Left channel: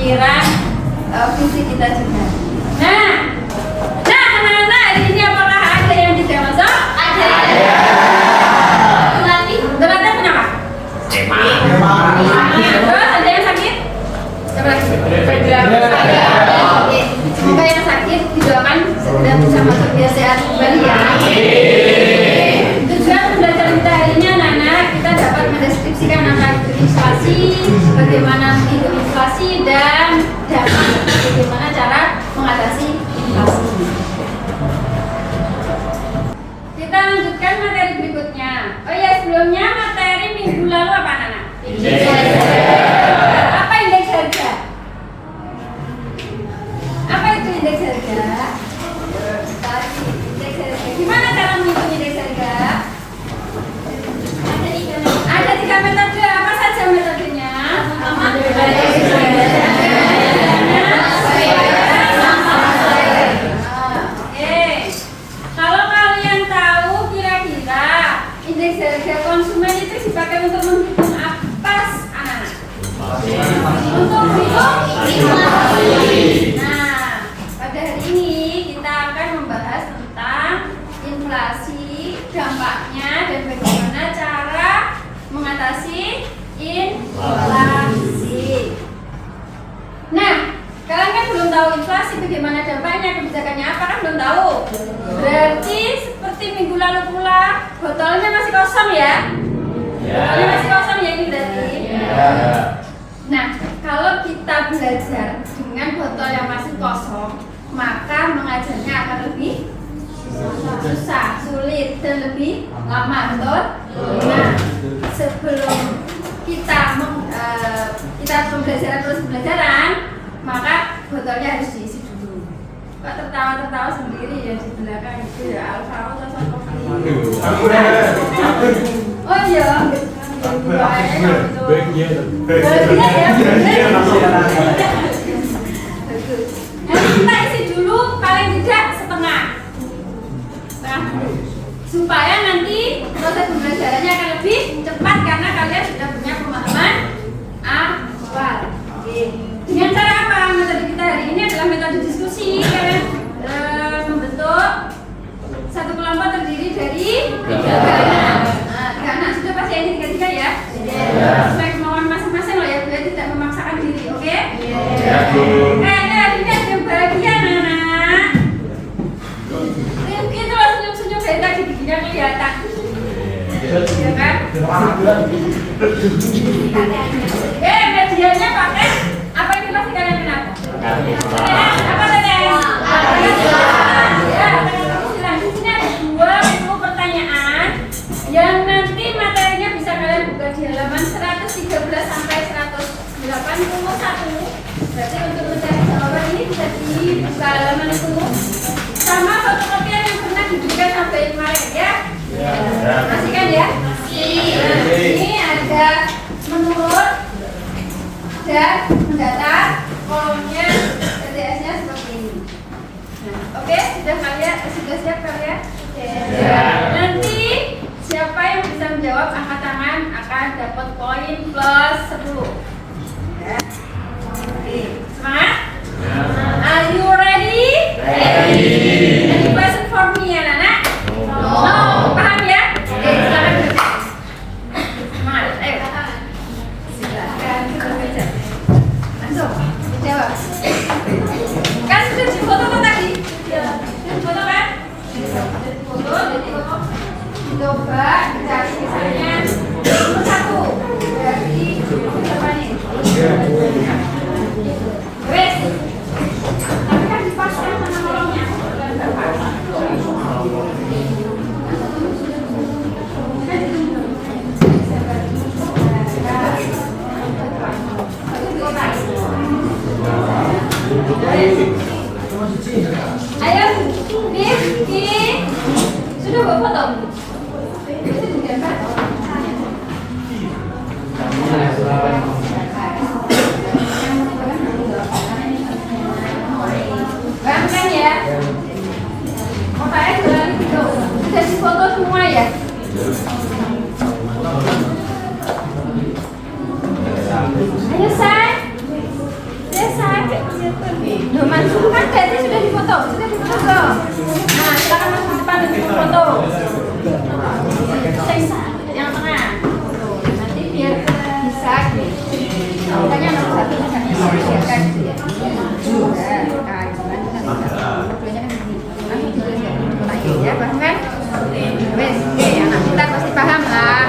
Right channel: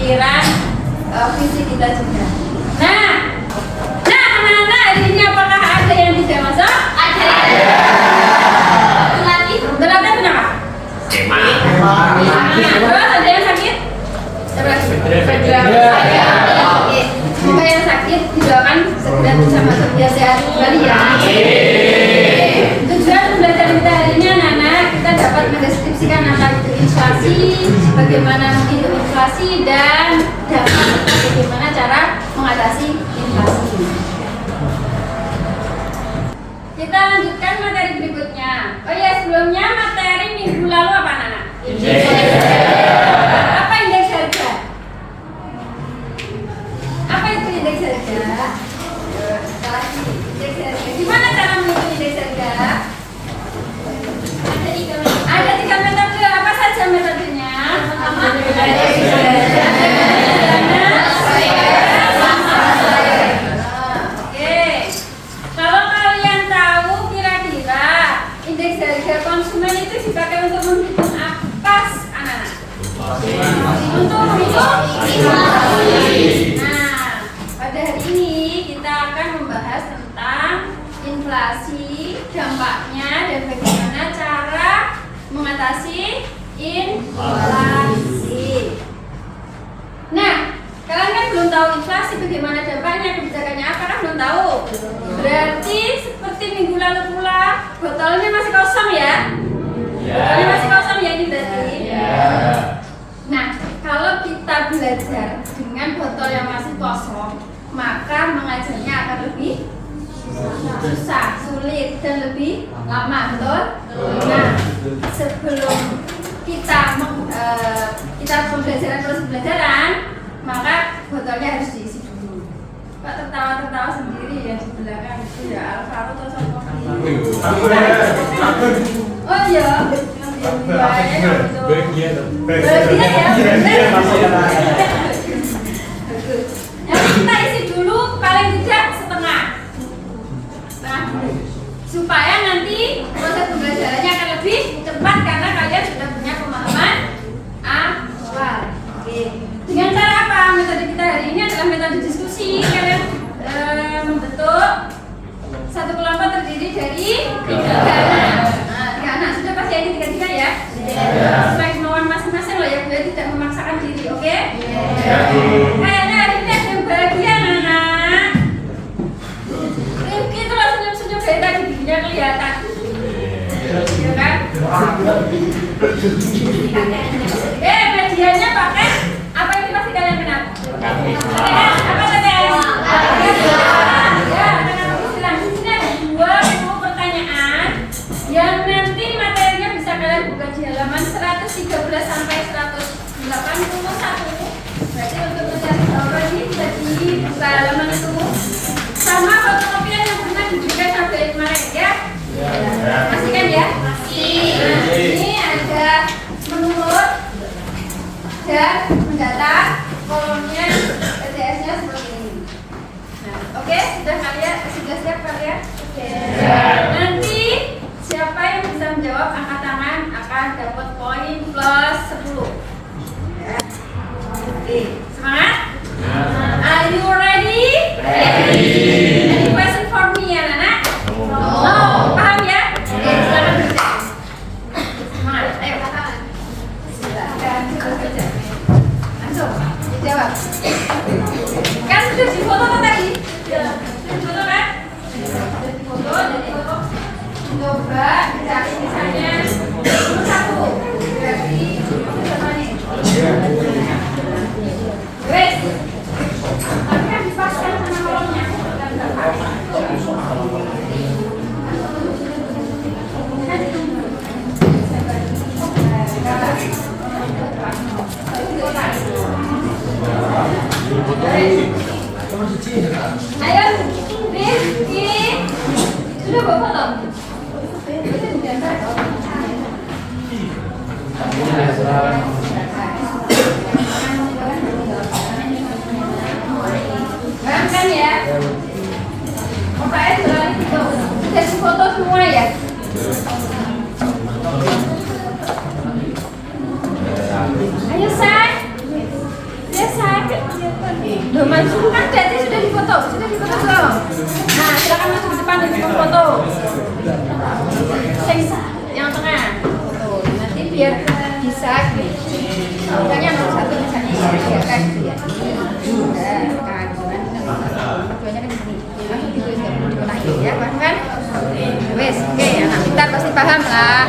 pikiran visi kita juga. Nah, anak-anak hari ini apakah ada yang tidak masuk? Ada. Lagi, berapa kenapa? Terus ada yang sakit? Siapa lagi? Oke, semoga yang sakit didoakan segera bisa masuk biar sehat kembali ya. Tujuan belajar kita hari ini anak-anak, kita dapat mendeskripsikan apa itu inflasi, bagaimana menghitung inflasi, dan dapat bagaimana cara mengatasi inflasi. Kita lanjutkan materi berikutnya. Oh ya, sebelumnya materi minggu lalu apa anak-anak? Apa indeks harga? Apa itu indeks harga? Indeks harga. Gimana cara menghitung indeks harga? Ada 3 metode. Apa saja metodenya? Oke. Kalau kalian tahu kira-kira indeks harga konsumen itu dipakai untuk menghitung apa, anak-anak? Untuk menghitung inflasi. Nah, pada hari ini kita akan membahas tentang inflasi, dampaknya, dan bagaimana cara mengatasi inflasi. Nah, kalian kan belum tahu inflasi, bagaimana dampaknya, kebijakannya apa, kan belum tahu. Berarti seperti minggu lalu pula, botolnya masih kosong ya? Botolnya masih kosong ya ini berarti? Nah, kalau kita belajar dengan botol yang masih kosong, maka mengajarnya akan lebih susah, sulit, dan lebih lama, betul? Nah, sebelum kita pembelajaran terus pembelajaran, maka botolnya harus diisi dulu. Pak tertawa-tertawa sendiri yang di belakang itu ya Alvaro atau Sokofi. Oh iya, yang baik itu. Bagian ya, nanti kita isi dulu paling tidak setengah supaya nanti proses pembelajarannya akan lebih cepat karena kalian sudah punya pemahaman awal. Dengan cara apa? Metode kita hari ini adalah metode diskusi. Kalian membentuk satu kelompok terdiri dari 3 anak. Nah, 3 anak sudah pasti ini 3 ya? Sesuai kemauan masing-masing loh ya, biar tidak memaksakan diri, oke? Kayaknya hari ini ada yang bahagia anak. Rifki itu langsung senyum-senyum dari tadi, giginya kelihatan. Ya kan? Medianya pakai apa ini pasti kalian kenal? Apa TTS? Ya, silakan. Di sini ada 2 pertanyaan yang nanti materinya bisa kalian buka di halaman 113 sampai 181. Berarti untuk mencari jawaban ini bisa dibuka halaman itu sama fotokopian yang pernah diberikan sampai kemarin ya. Masih kan ya? Nah, ini ada menurut dan mendatar, kolomnya TTS-nya seperti ini. Nah, oke, sudah siap kalian? Nanti siapa yang bisa menjawab angkat tangan akan dapat poin plus 10. Oke, semangat? Are you ready? Any question for me ya, Nana? No. Paham ya? Oke, silakan bekerja. Semangat, ayo. Silakan bekerja. Langsung, dijawab. Kan sudah difoto kan tadi? Sudah difoto kan? Sudah difoto, jadi coba dicari misalnya nomor 1. Berarti siapa nih? Wes. Tapi kan dipasang sama kolomnya. Ayo, Rifki. Sudah bawa foto? Kan ya? Fotonya jualan gitu. Sudah difoto semua ya? Ayo, say. Yes, Loh, maju kan Dede sudah difoto belum? Nah, silakan maju ke depan untuk foto. Yang tengah. Nanti biar bisa. Makanya nomor 1 bisa disediakan. Ya, paham kan? Wes, oke, anak pintar pasti paham lah.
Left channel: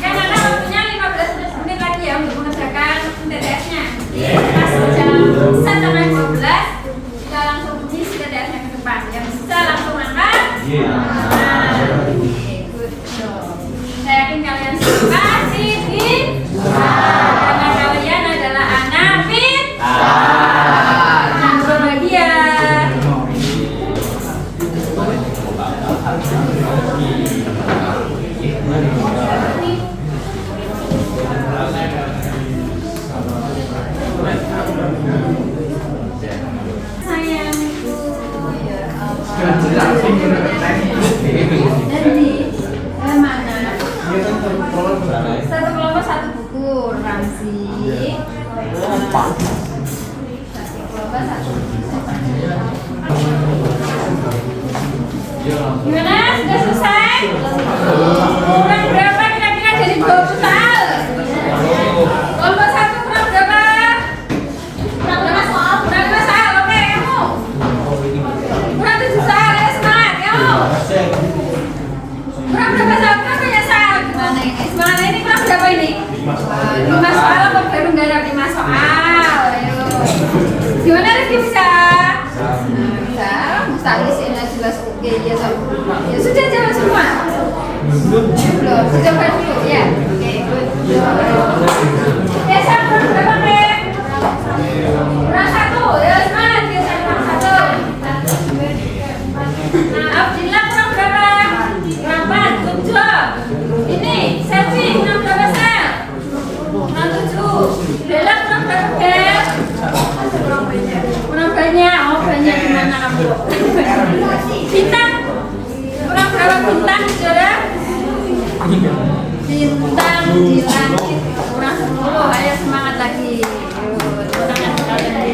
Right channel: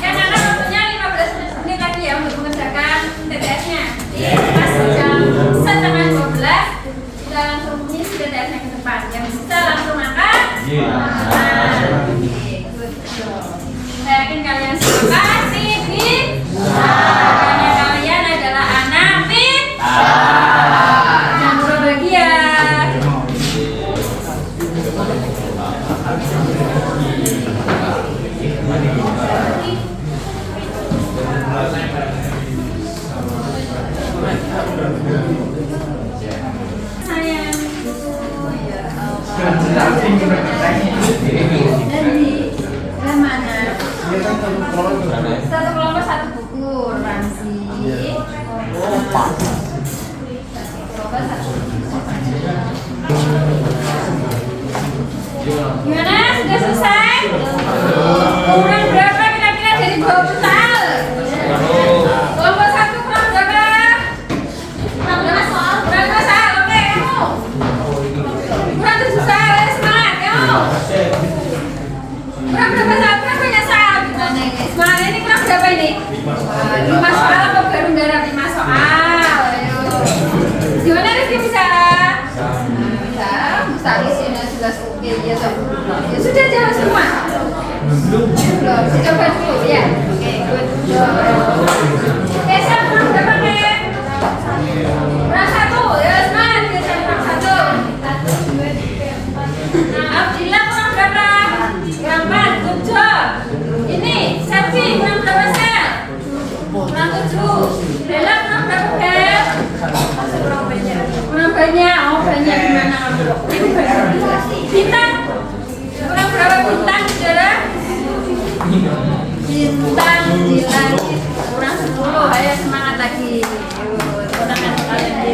Karena waktunya 15 menit lagi ya untuk mengerjakan TTS-nya. Pas jam 1:12 kita langsung isi TTS-nya ke depan. Yang bisa langsung makan. Good job. Saya yakin kalian semua pasti karena kalian adalah anak pintar dan berbahagia. Satu kelompok satu buku, Ramzi. Satu kelompok satu buku. Gimana? Sudah selesai? Kurang berapa kira-kira dari 20 soal? Kelompok satu kurang berapa? Kurang berapa soal? Kurang 2 soal, oke kamu. Kurang 7 soal, ya semangat kamu. Kurang berapa soal? Kurang banyak soal. Gimana ini? Semangat ini kurang berapa ini? 5 soal atau baru garap 5 soal? Ayo. Gimana Rizky bisa? Bisa. Mustalisnya jelas oke ya toh. Ya sudah jawab semua. Belum. Coba dulu ya. Oke, good. Biasa kurang berapa nih? Kurang 1. Ya semangat kita kurang 1. Nah, Abdillah kurang berapa? Kurang 4. Good job. Ini Selfie kurang berapa sel? Kurang 7. Bella kurang berapa Bel? Kurang banyak. Oh banyak gimana? Bintang kurang berapa bintang saudara? Bintang di langit kurang 10. Ayo semangat lagi. Tangan kalian.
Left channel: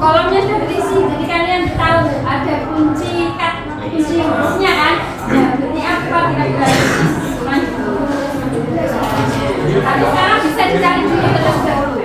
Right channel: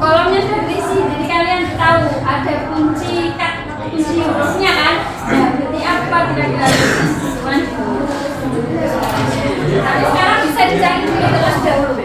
Kolomnya sudah terisi, jadi kalian tahu ada kunci hurufnya kan? Ya, jadi apa kira-kira kan? Tapi sekarang bisa dicari dulu terlebih dahulu.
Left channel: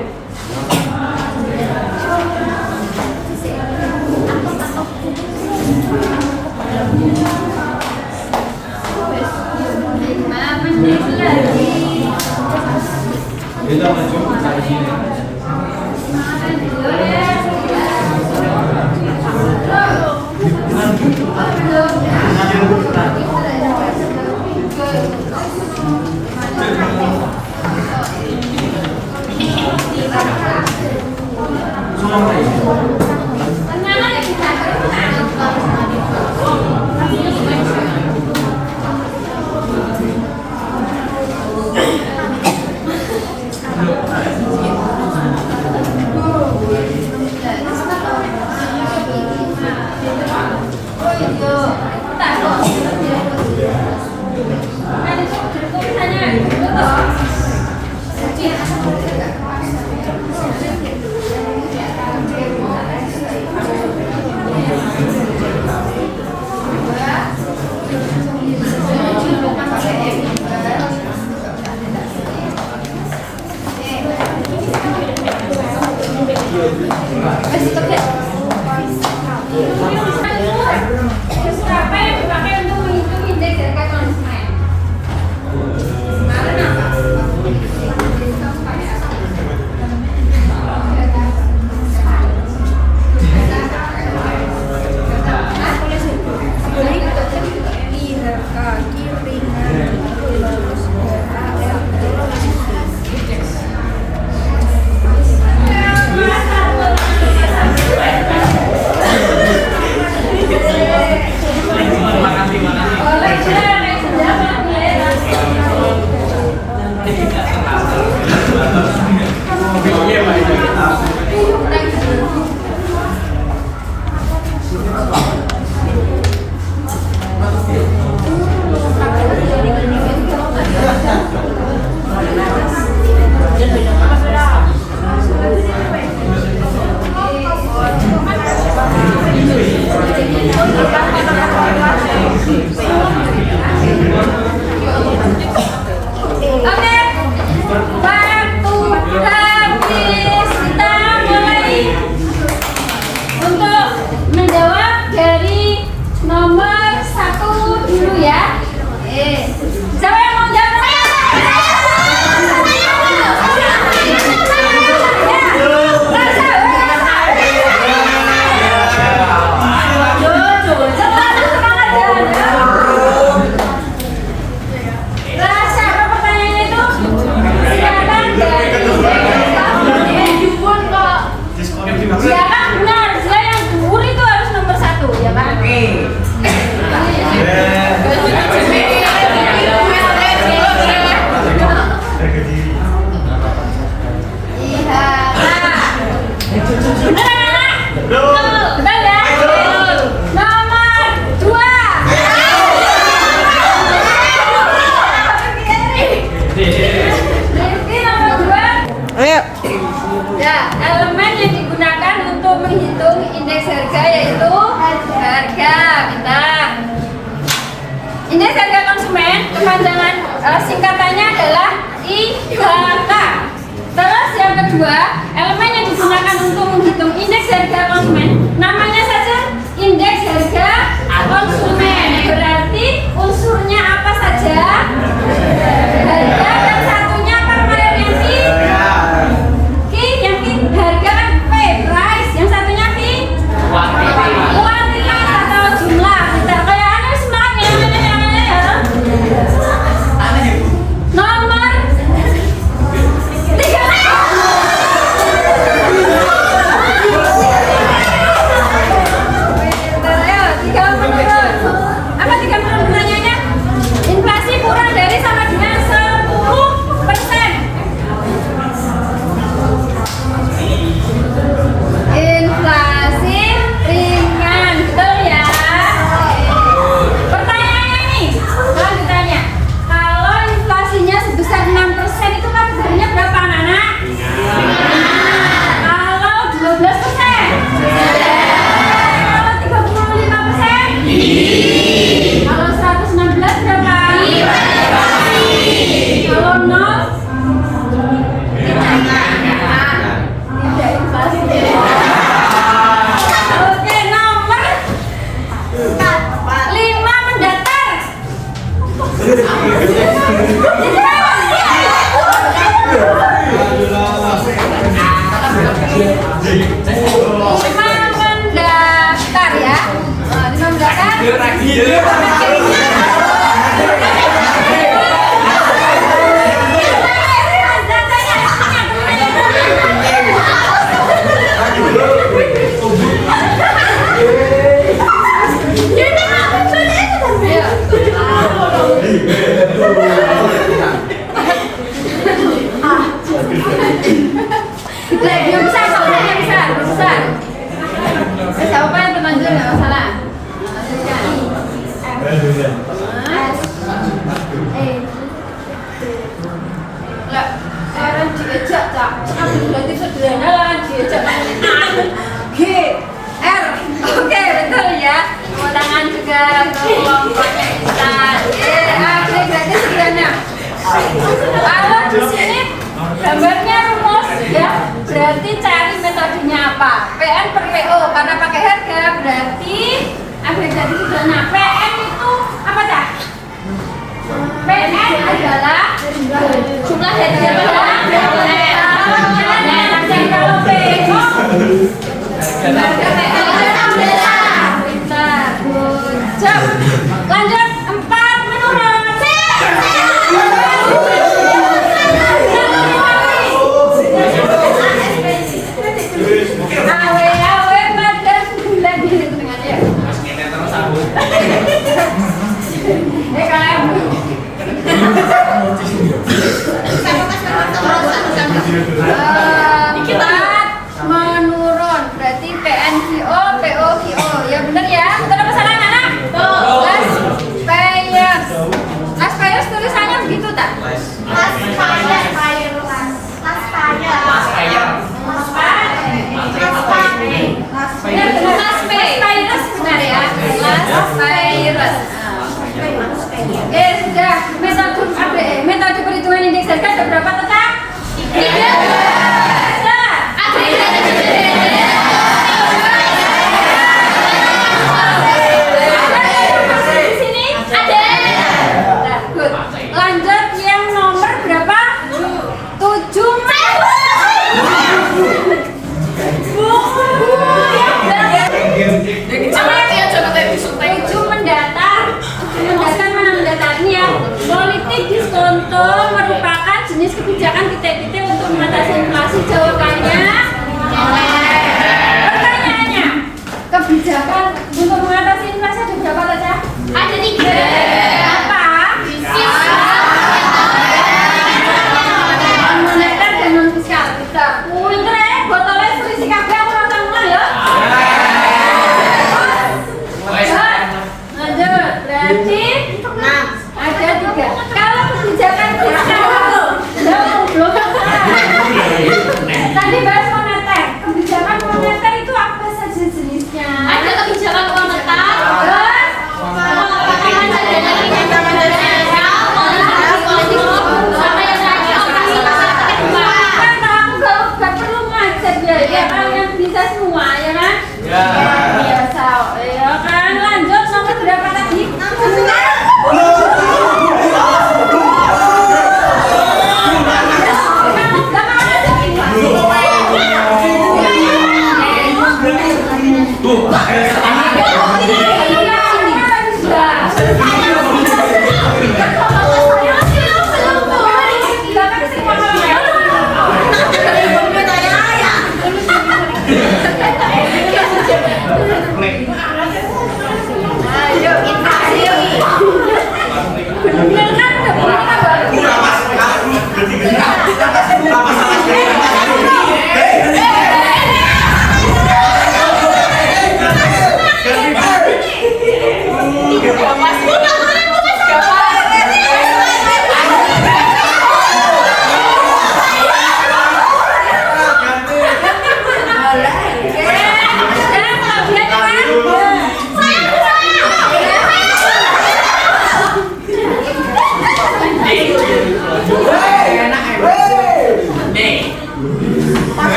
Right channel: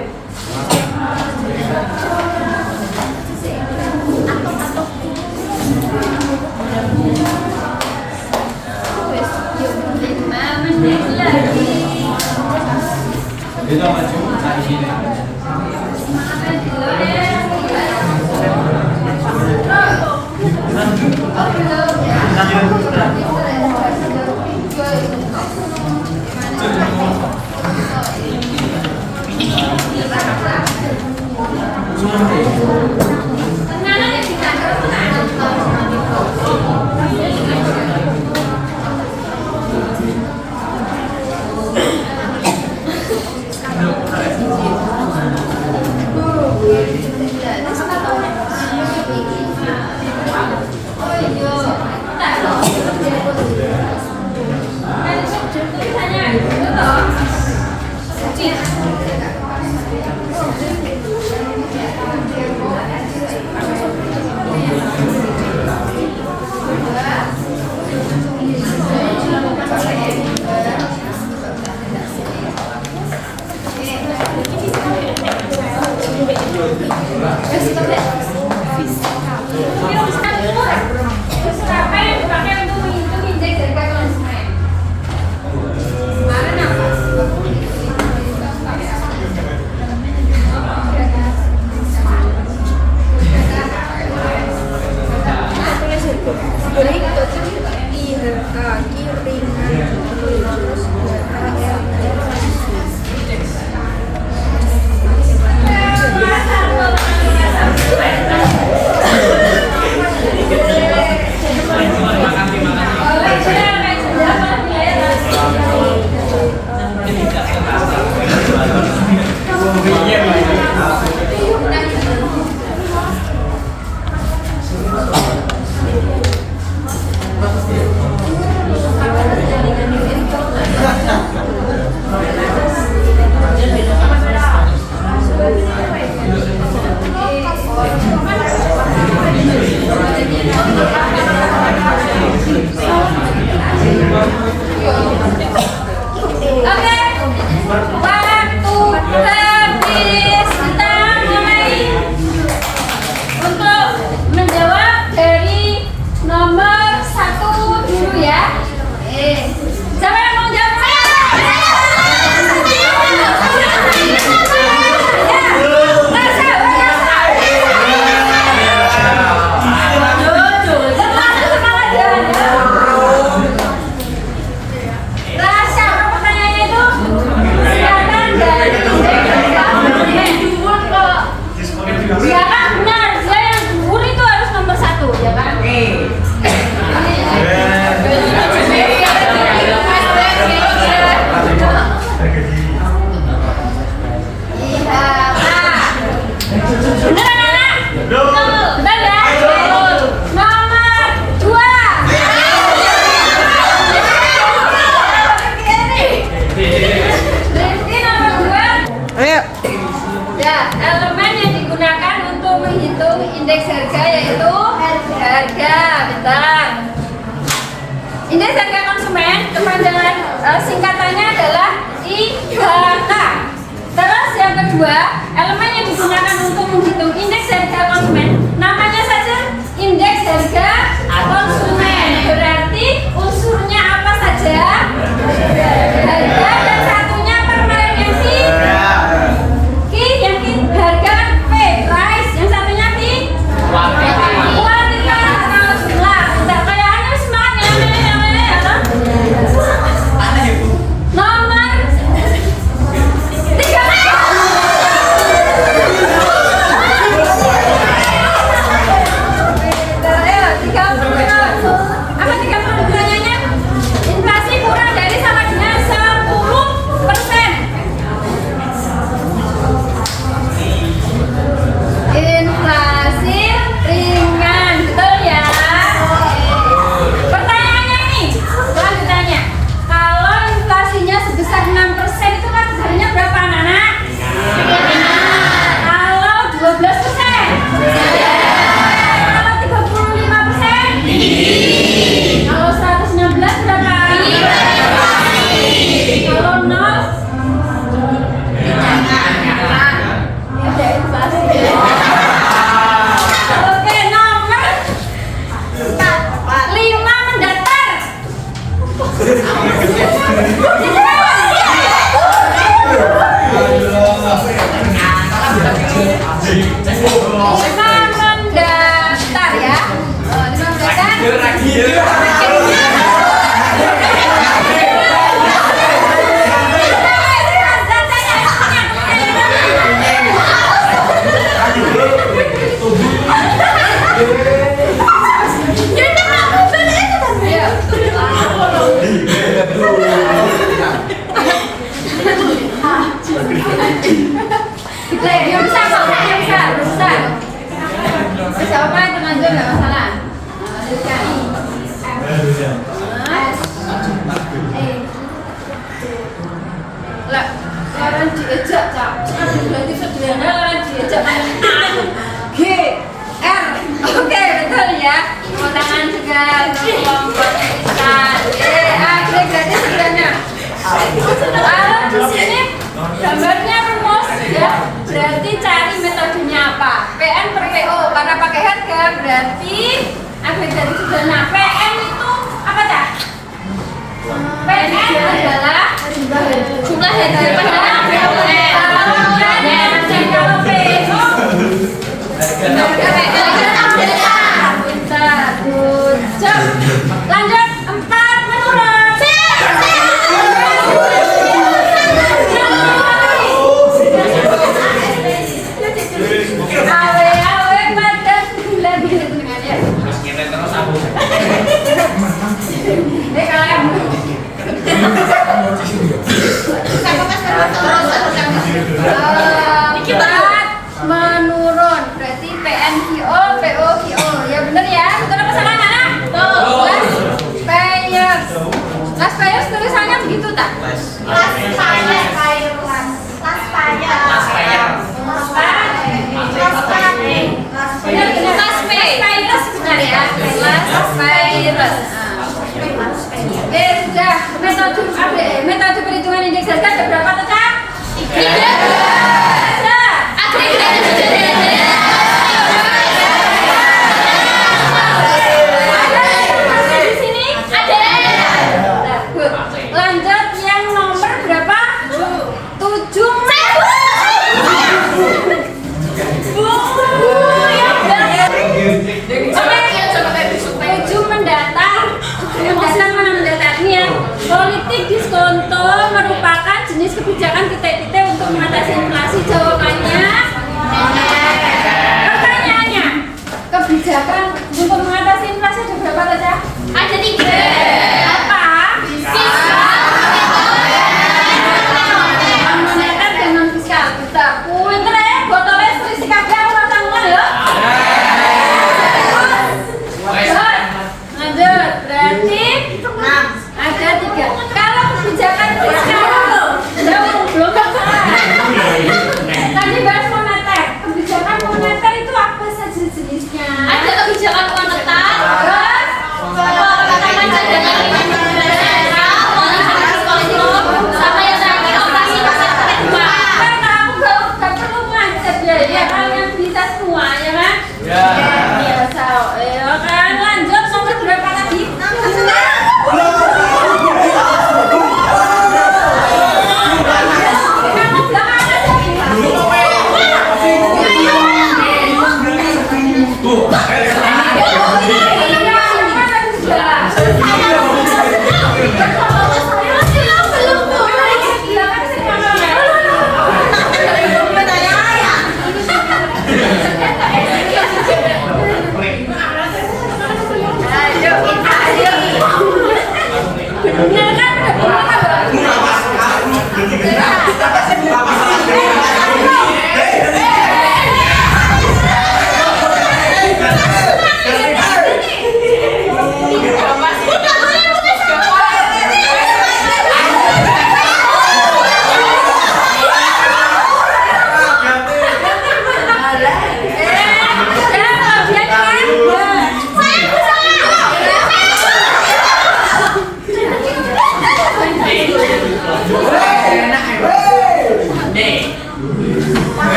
menghitung indeks harga yaitu harga bintang. Indeks harga konsumen kepanjangan singkatannya adalah IHK. Terus yang kedua, elemen yang digunakan untuk menghitung indeks harga konsumen namanya saja indeks harga konsumen. Berarti unsurnya apa saja? Harga dan satunya permanensi. Yang harga kan P, price, yang satunya P, kuantitas atau jumlah. Kayak anu semangat ya. Nomor 3. Ayo, 3 menurun. Apa 3 menurun pertanyaannya? Inflasi kurang dari sama dengan 10%. Inflasi ringan, betul ya? Pertanyaannya nih, lanjutannya. Kalau inflasinya sebesar 6% itu kan sebenarnya berapa anak-anak? Kalau 12%? Kalau 35%? Kalau 116 berapa? Kalau 0? Oke, nomor 5 mendatar. Lima mendatar ya. 5 mendatar. Yang besar, besar. Siapa yang terlanjur nggak masalah. Lanjutkan. Lah, orang diejak kak. Berarti sederhana orang diejak. G, R. Oke, betul ya. Tepuk tangan juga untuk kelompok Intan. Berarti sederhana. Kalau di sini gambarnya rumus ya, berarti cari metodenya apa? PN per PO karena pakai harga berarti agregasi sederhana. PN itu apa cak? PN adalah jumlah harga pada kalau PO lanjut 4 menurun. Awe pada bulan ini tenangnya. Kalian menurun berarti PNGO, POGO. Ya benar ya? Betul apa salah anak? Last payers tulisannya begitu tak? Benar ya? Sudah. Metode perhitungan indeks harga ada berapa tetap? 3. Lanjut yang nomor berapa? 7 mendatar. Mana mendatarnya? Politik diskonto merupakan jenis kebijakan kita untuk mengatasi inflasi. Jawabannya pertanyaannya, kebijakan untuk mengatasi inflasi ada berapa saja? Ada 3. Apa? Moneter dan non fiskal. Kita pinter ya, botolnya selisih kagak orang tanggung ya. Lanjut, berarti ada 3. Kalau kebijakan fiskal, belum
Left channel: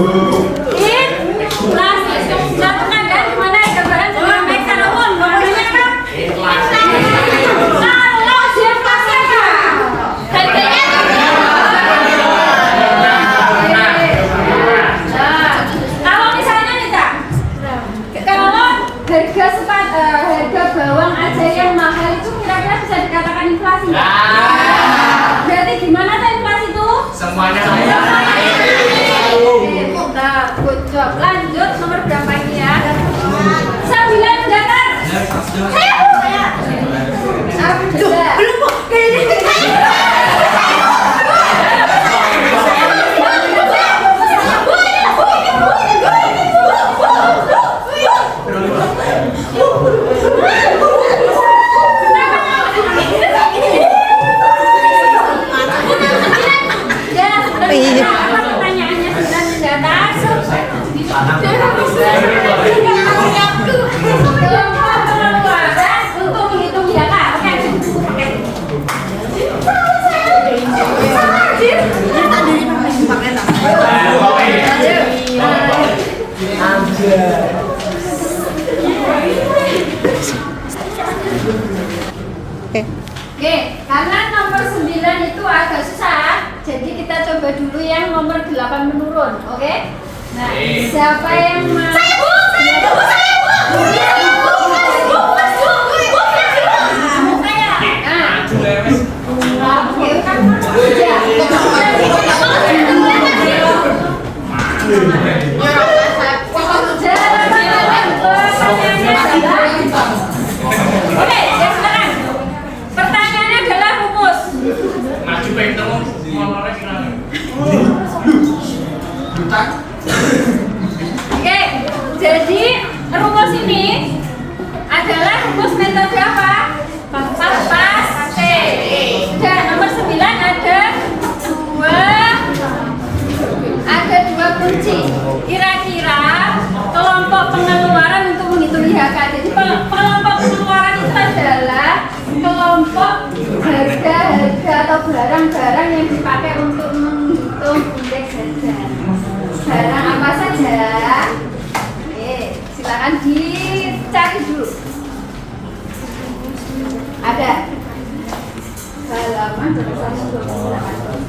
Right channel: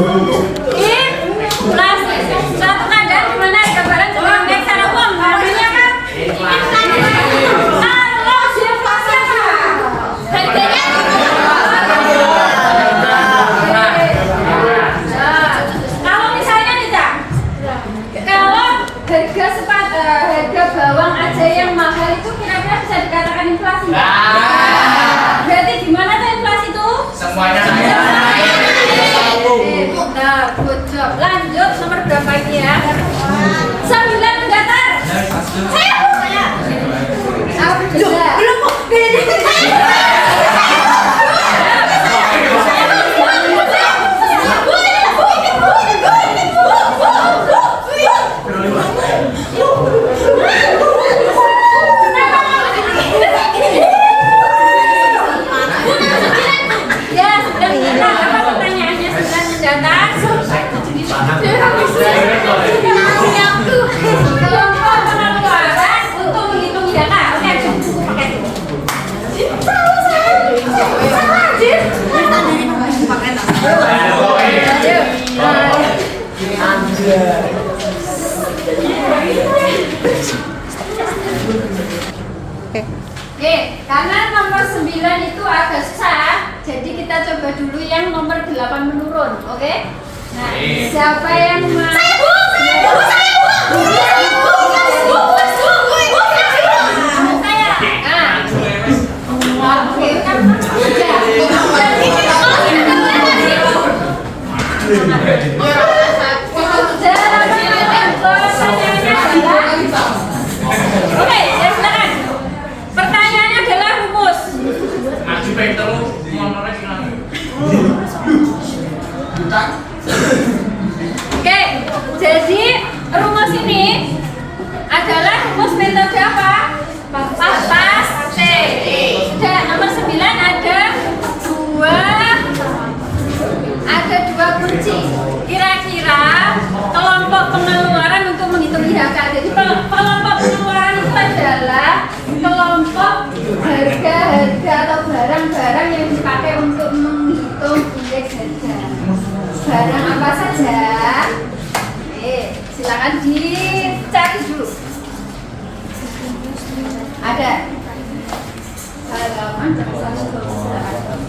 Inflasi. Satu keadaan di mana harga barang cenderung naik secara umum. Namanya apa? Kalau deflasi apa? Harganya kalau misalnya nih Cak, kalau harga bawang aja yang mahal itu kira-kira bisa dikatakan inflasi nggak? Berarti gimana tuh inflasi itu? Semuanya Nah, good job. Lanjut nomor berapa ini ya? 9 datar. Oke, karena nomor 9 itu agak susah, jadi kita coba dulu yang nomor 8 menurun, oke? Nah, siapa yang mau? Oke, silakan. Pertanyaannya adalah rumus. Oke, jadi rumus ini adalah rumus metode apa? Paste. Sudah, nomor 9 ada dua kunci. Kira-kira kelompok pengeluaran untuk menghitung IHK. Jadi kelompok pengeluaran itu adalah kelompok harga-harga atau barang-barang yang dipakai untuk menghitung indeks harga. Barang apa saja? Silakan dicari dulu. Ada halaman 128.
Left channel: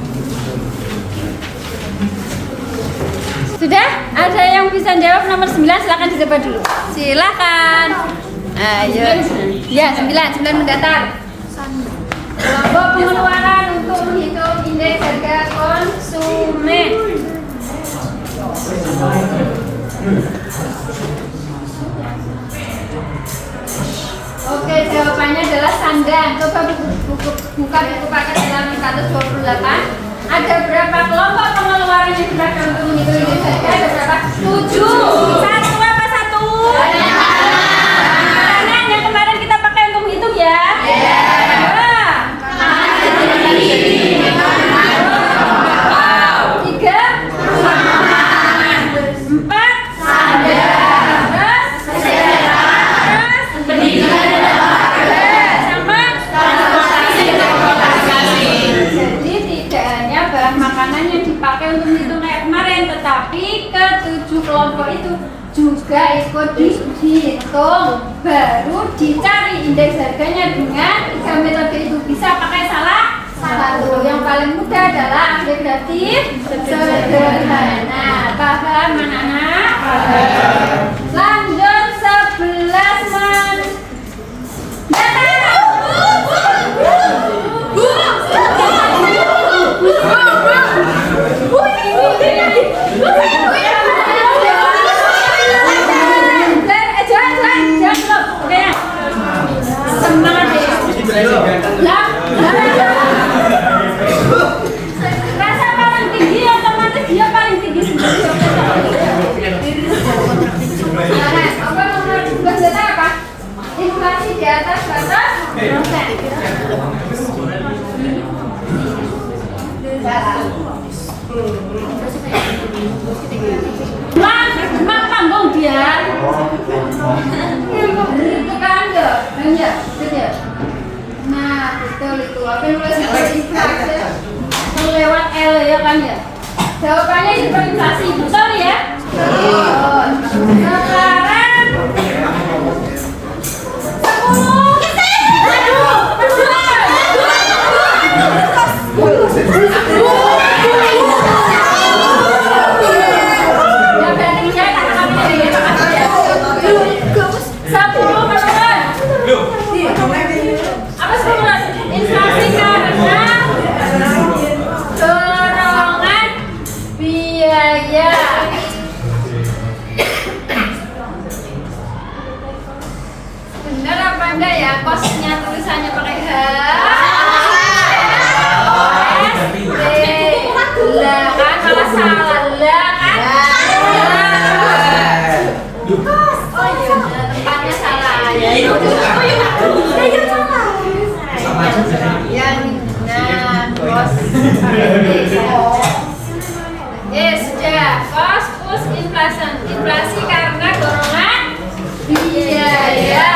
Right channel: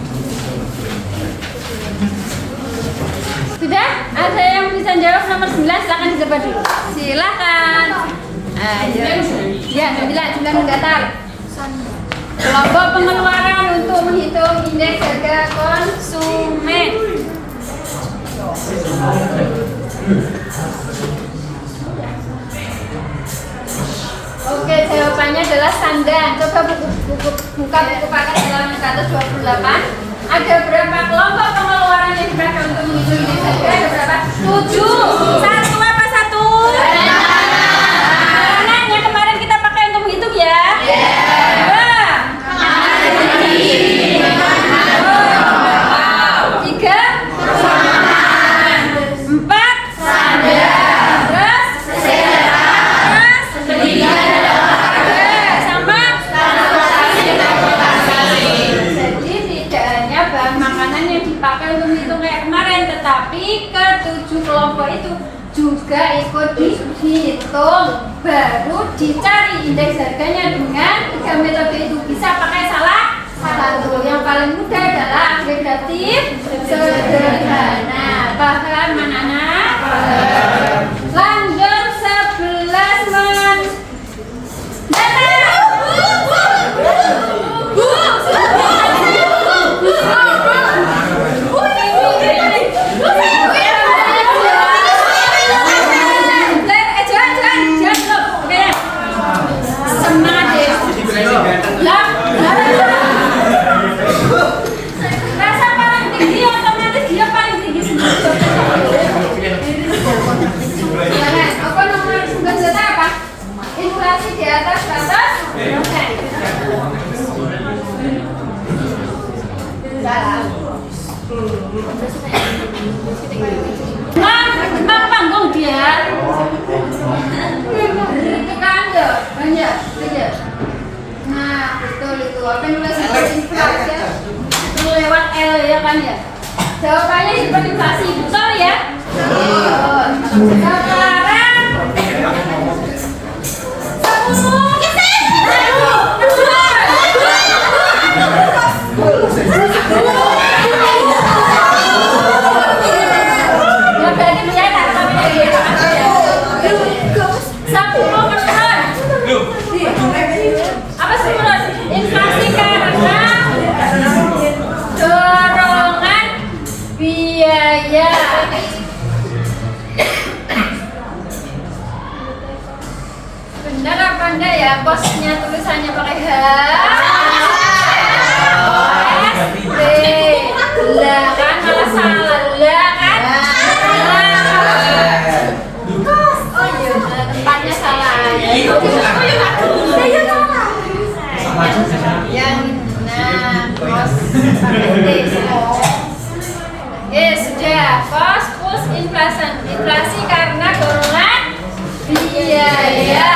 Sudah? Ada yang bisa jawab nomor 9? Silakan dicoba dulu. Silakan. Ayo. Ya, 9 mendatar. Kelompok pengeluaran untuk menghitung indeks harga konsumen. Oke, jawabannya adalah sandang. Coba buka buku paket halaman 128. Ada berapa kelompok pengeluaran yang dipakai untuk menghitung indeks harga? Ada berapa? 7. Satu apa satu? Kanan yang kemarin kita pakai untuk menghitung ya? Dua. 3. 4. Makanan yang dipakai untuk menghitung kayak kemarin, tetapi ke-7 kelompok itu juga ikut dihitung, baru dicari indeks harganya dengan 3 metode itu. Bisa pakai salah satu. Yang paling mudah adalah agregatif sederhana. Paham anak-anak? Lanjut 11 rasa paling tinggi otomatis dia paling tinggi sendiri. Apa nomor 11 apa? Inflasi di atas batas Mang panggung dia. Itu kan ya, betul. Nah, betul itu. Apa yang nulis inflasi? Lewat L ya kan ya. Jawabannya hiperinflasi, betul ya? Apa 10? Inflasi karena dorongan biaya. Benar apa enggak ya? Kosnya tulisannya pakai H. Lah kan malah salah lah kan? Oh iya, tempatnya salah ya. Yang benar kos. Yes, sudah. Kos plus inflasi karena dorongan biaya.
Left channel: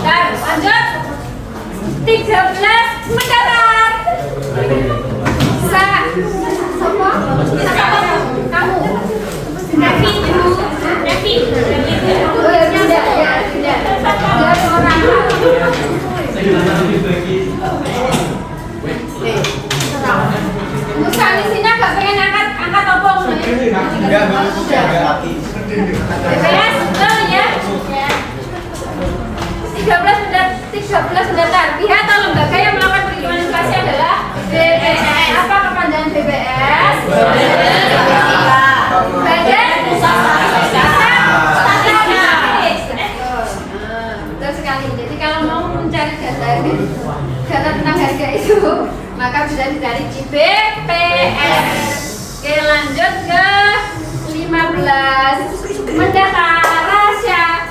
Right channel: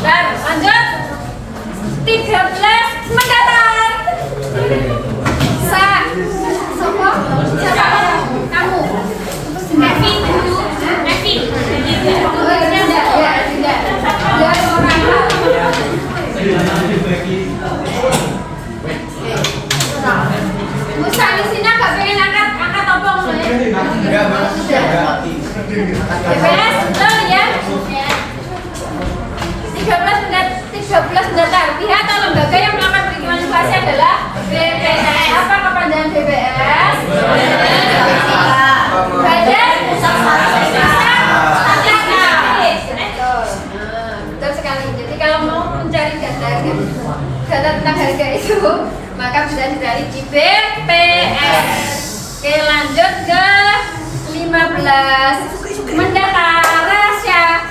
Dan lanjut. 13 mendatar. Siapa? Kamu. Nevi. Oh ya, tidak. Dia seorang. Musa di sini nggak pengen angkat topong ya? BPS betul ya? 13 mendatar. Pihak atau lembaga yang melakukan perhitungan inflasi adalah BPS. Apa kepanjangan BPS? Badan betul sekali. Jadi kalau mau mencari data tentang harga itu, maka bisa dicari di BPS. Oke, lanjut ke 15 mendatar rahasia.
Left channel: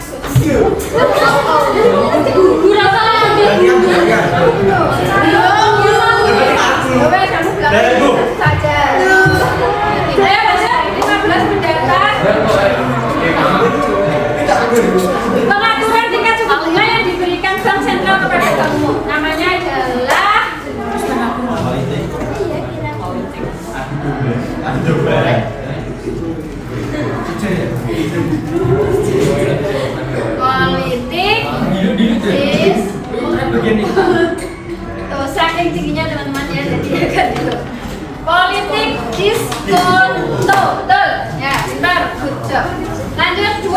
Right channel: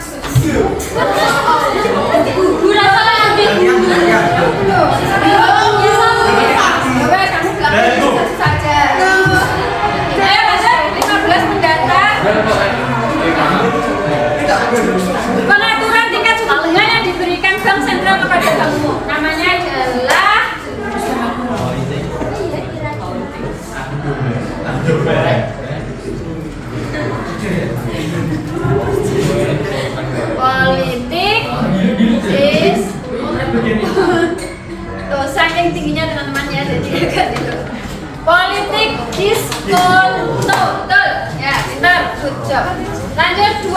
Pengaturan tingkat suku bunga yang diberikan Bank Sentral kepada bankmu namanya adalah politik is saking tingginya teman-teman ya, jadi agak gitu. Politik diskonto, betul ya, pintar, good job. Lanjut 12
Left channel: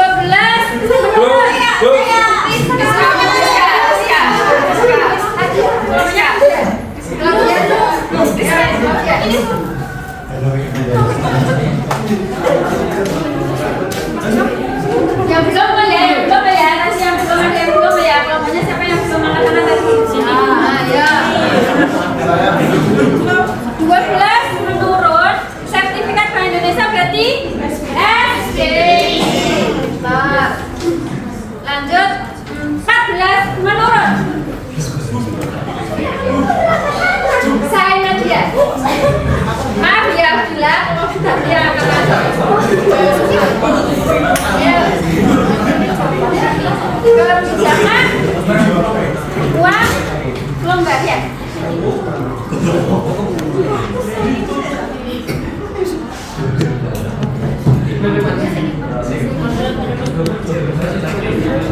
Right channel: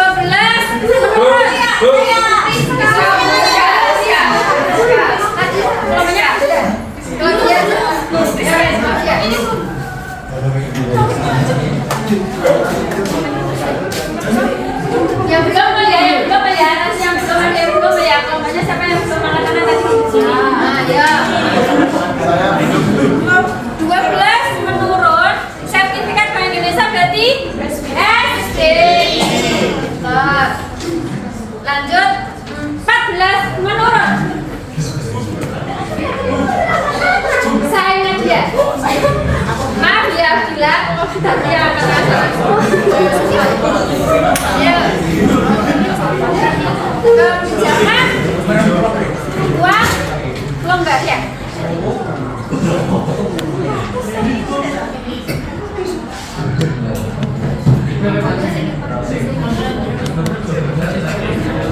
menurut yang belum ya, nanti yang belum ada yang belum ya, kelompoknya siapa yang belum mengatakan tadi? Ya. 12 menurut sertifikat Bank Indonesia berarti SBI. Lanjut 14 menurut saya Nadia. Maaf ya bila tapi yang kebijakan uang longgar ya.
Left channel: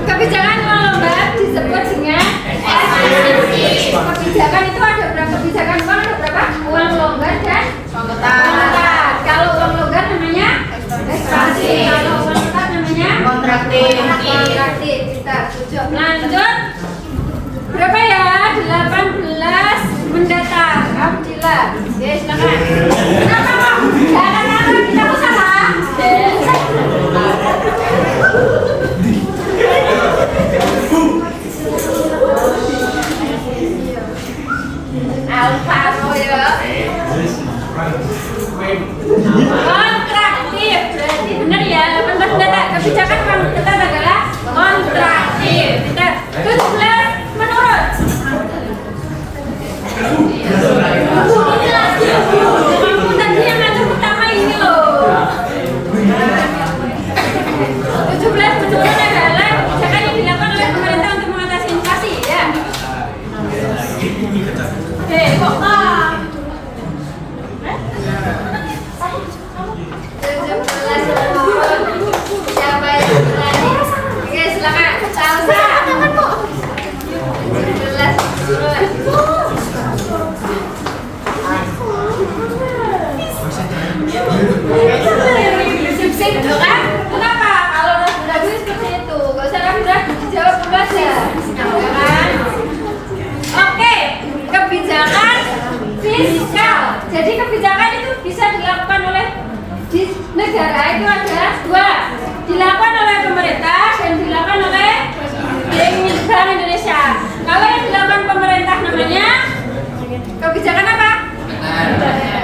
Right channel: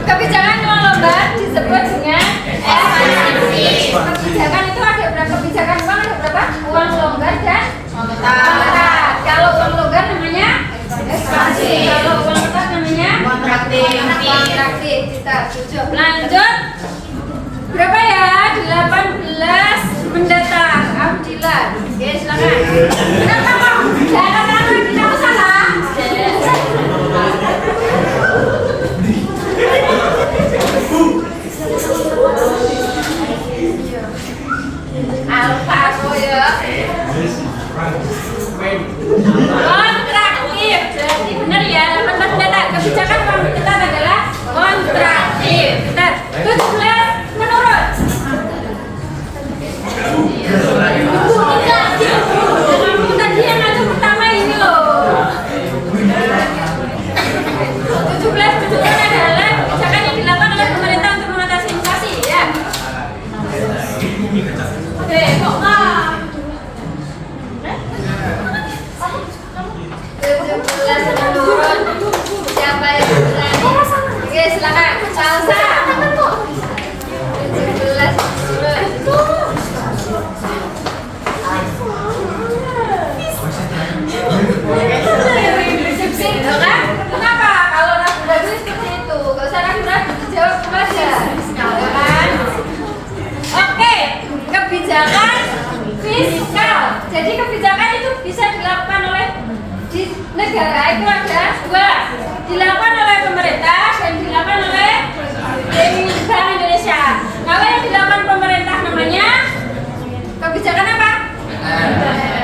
Kebijakan uang longgar disebut dengan ekspansi. Kebijakan itu ada berapa kebijakan uang? Ada berapa? Uang longgar dan tetap. Kalau uang longgar namanya ekspansi. Kalau uang tetap namanya kontraktif. Kita tujuh. Lanjut. Berapa ya? 18 mendatar. Alhamdulillah. Oke, silakan. Kenapa kok? Jangan kita kok salah. Alfa ya. Kontraktif. Berarti benar ya, 18 mendatar. Kebijakan uang tetap adalah kontraktif. Benar. 17 menurut. Kamu tadi yang ngatur pertama ini loh. 17 menurut adalah kebijakan yang dilakukan oleh pemerintah untuk mengatasi inflasi ya. Kok di negara itu ada dua, dilakukan oleh pemerintah dan dilakukan oleh Bank Indonesia. Kalau yang dilakukan pemerintah namanya kebijakan apa?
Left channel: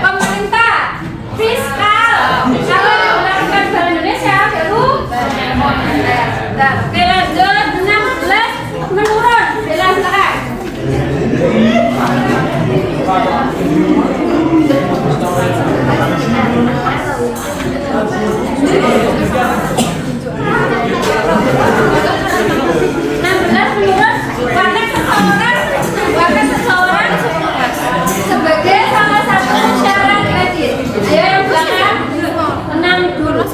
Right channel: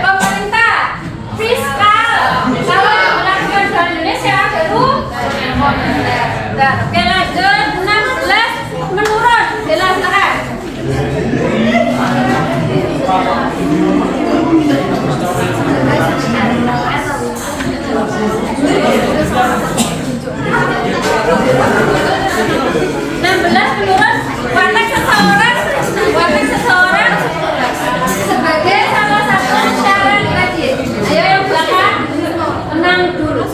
Pemerintah fiskal. Kalau yang dilakukan Bank Indonesia baru moneter. Nah, oke lanjut 16 menurun. Silakan. Warna seseorang sebagai salah satu syarat kredit. Ayo yang belakang tenang dulu.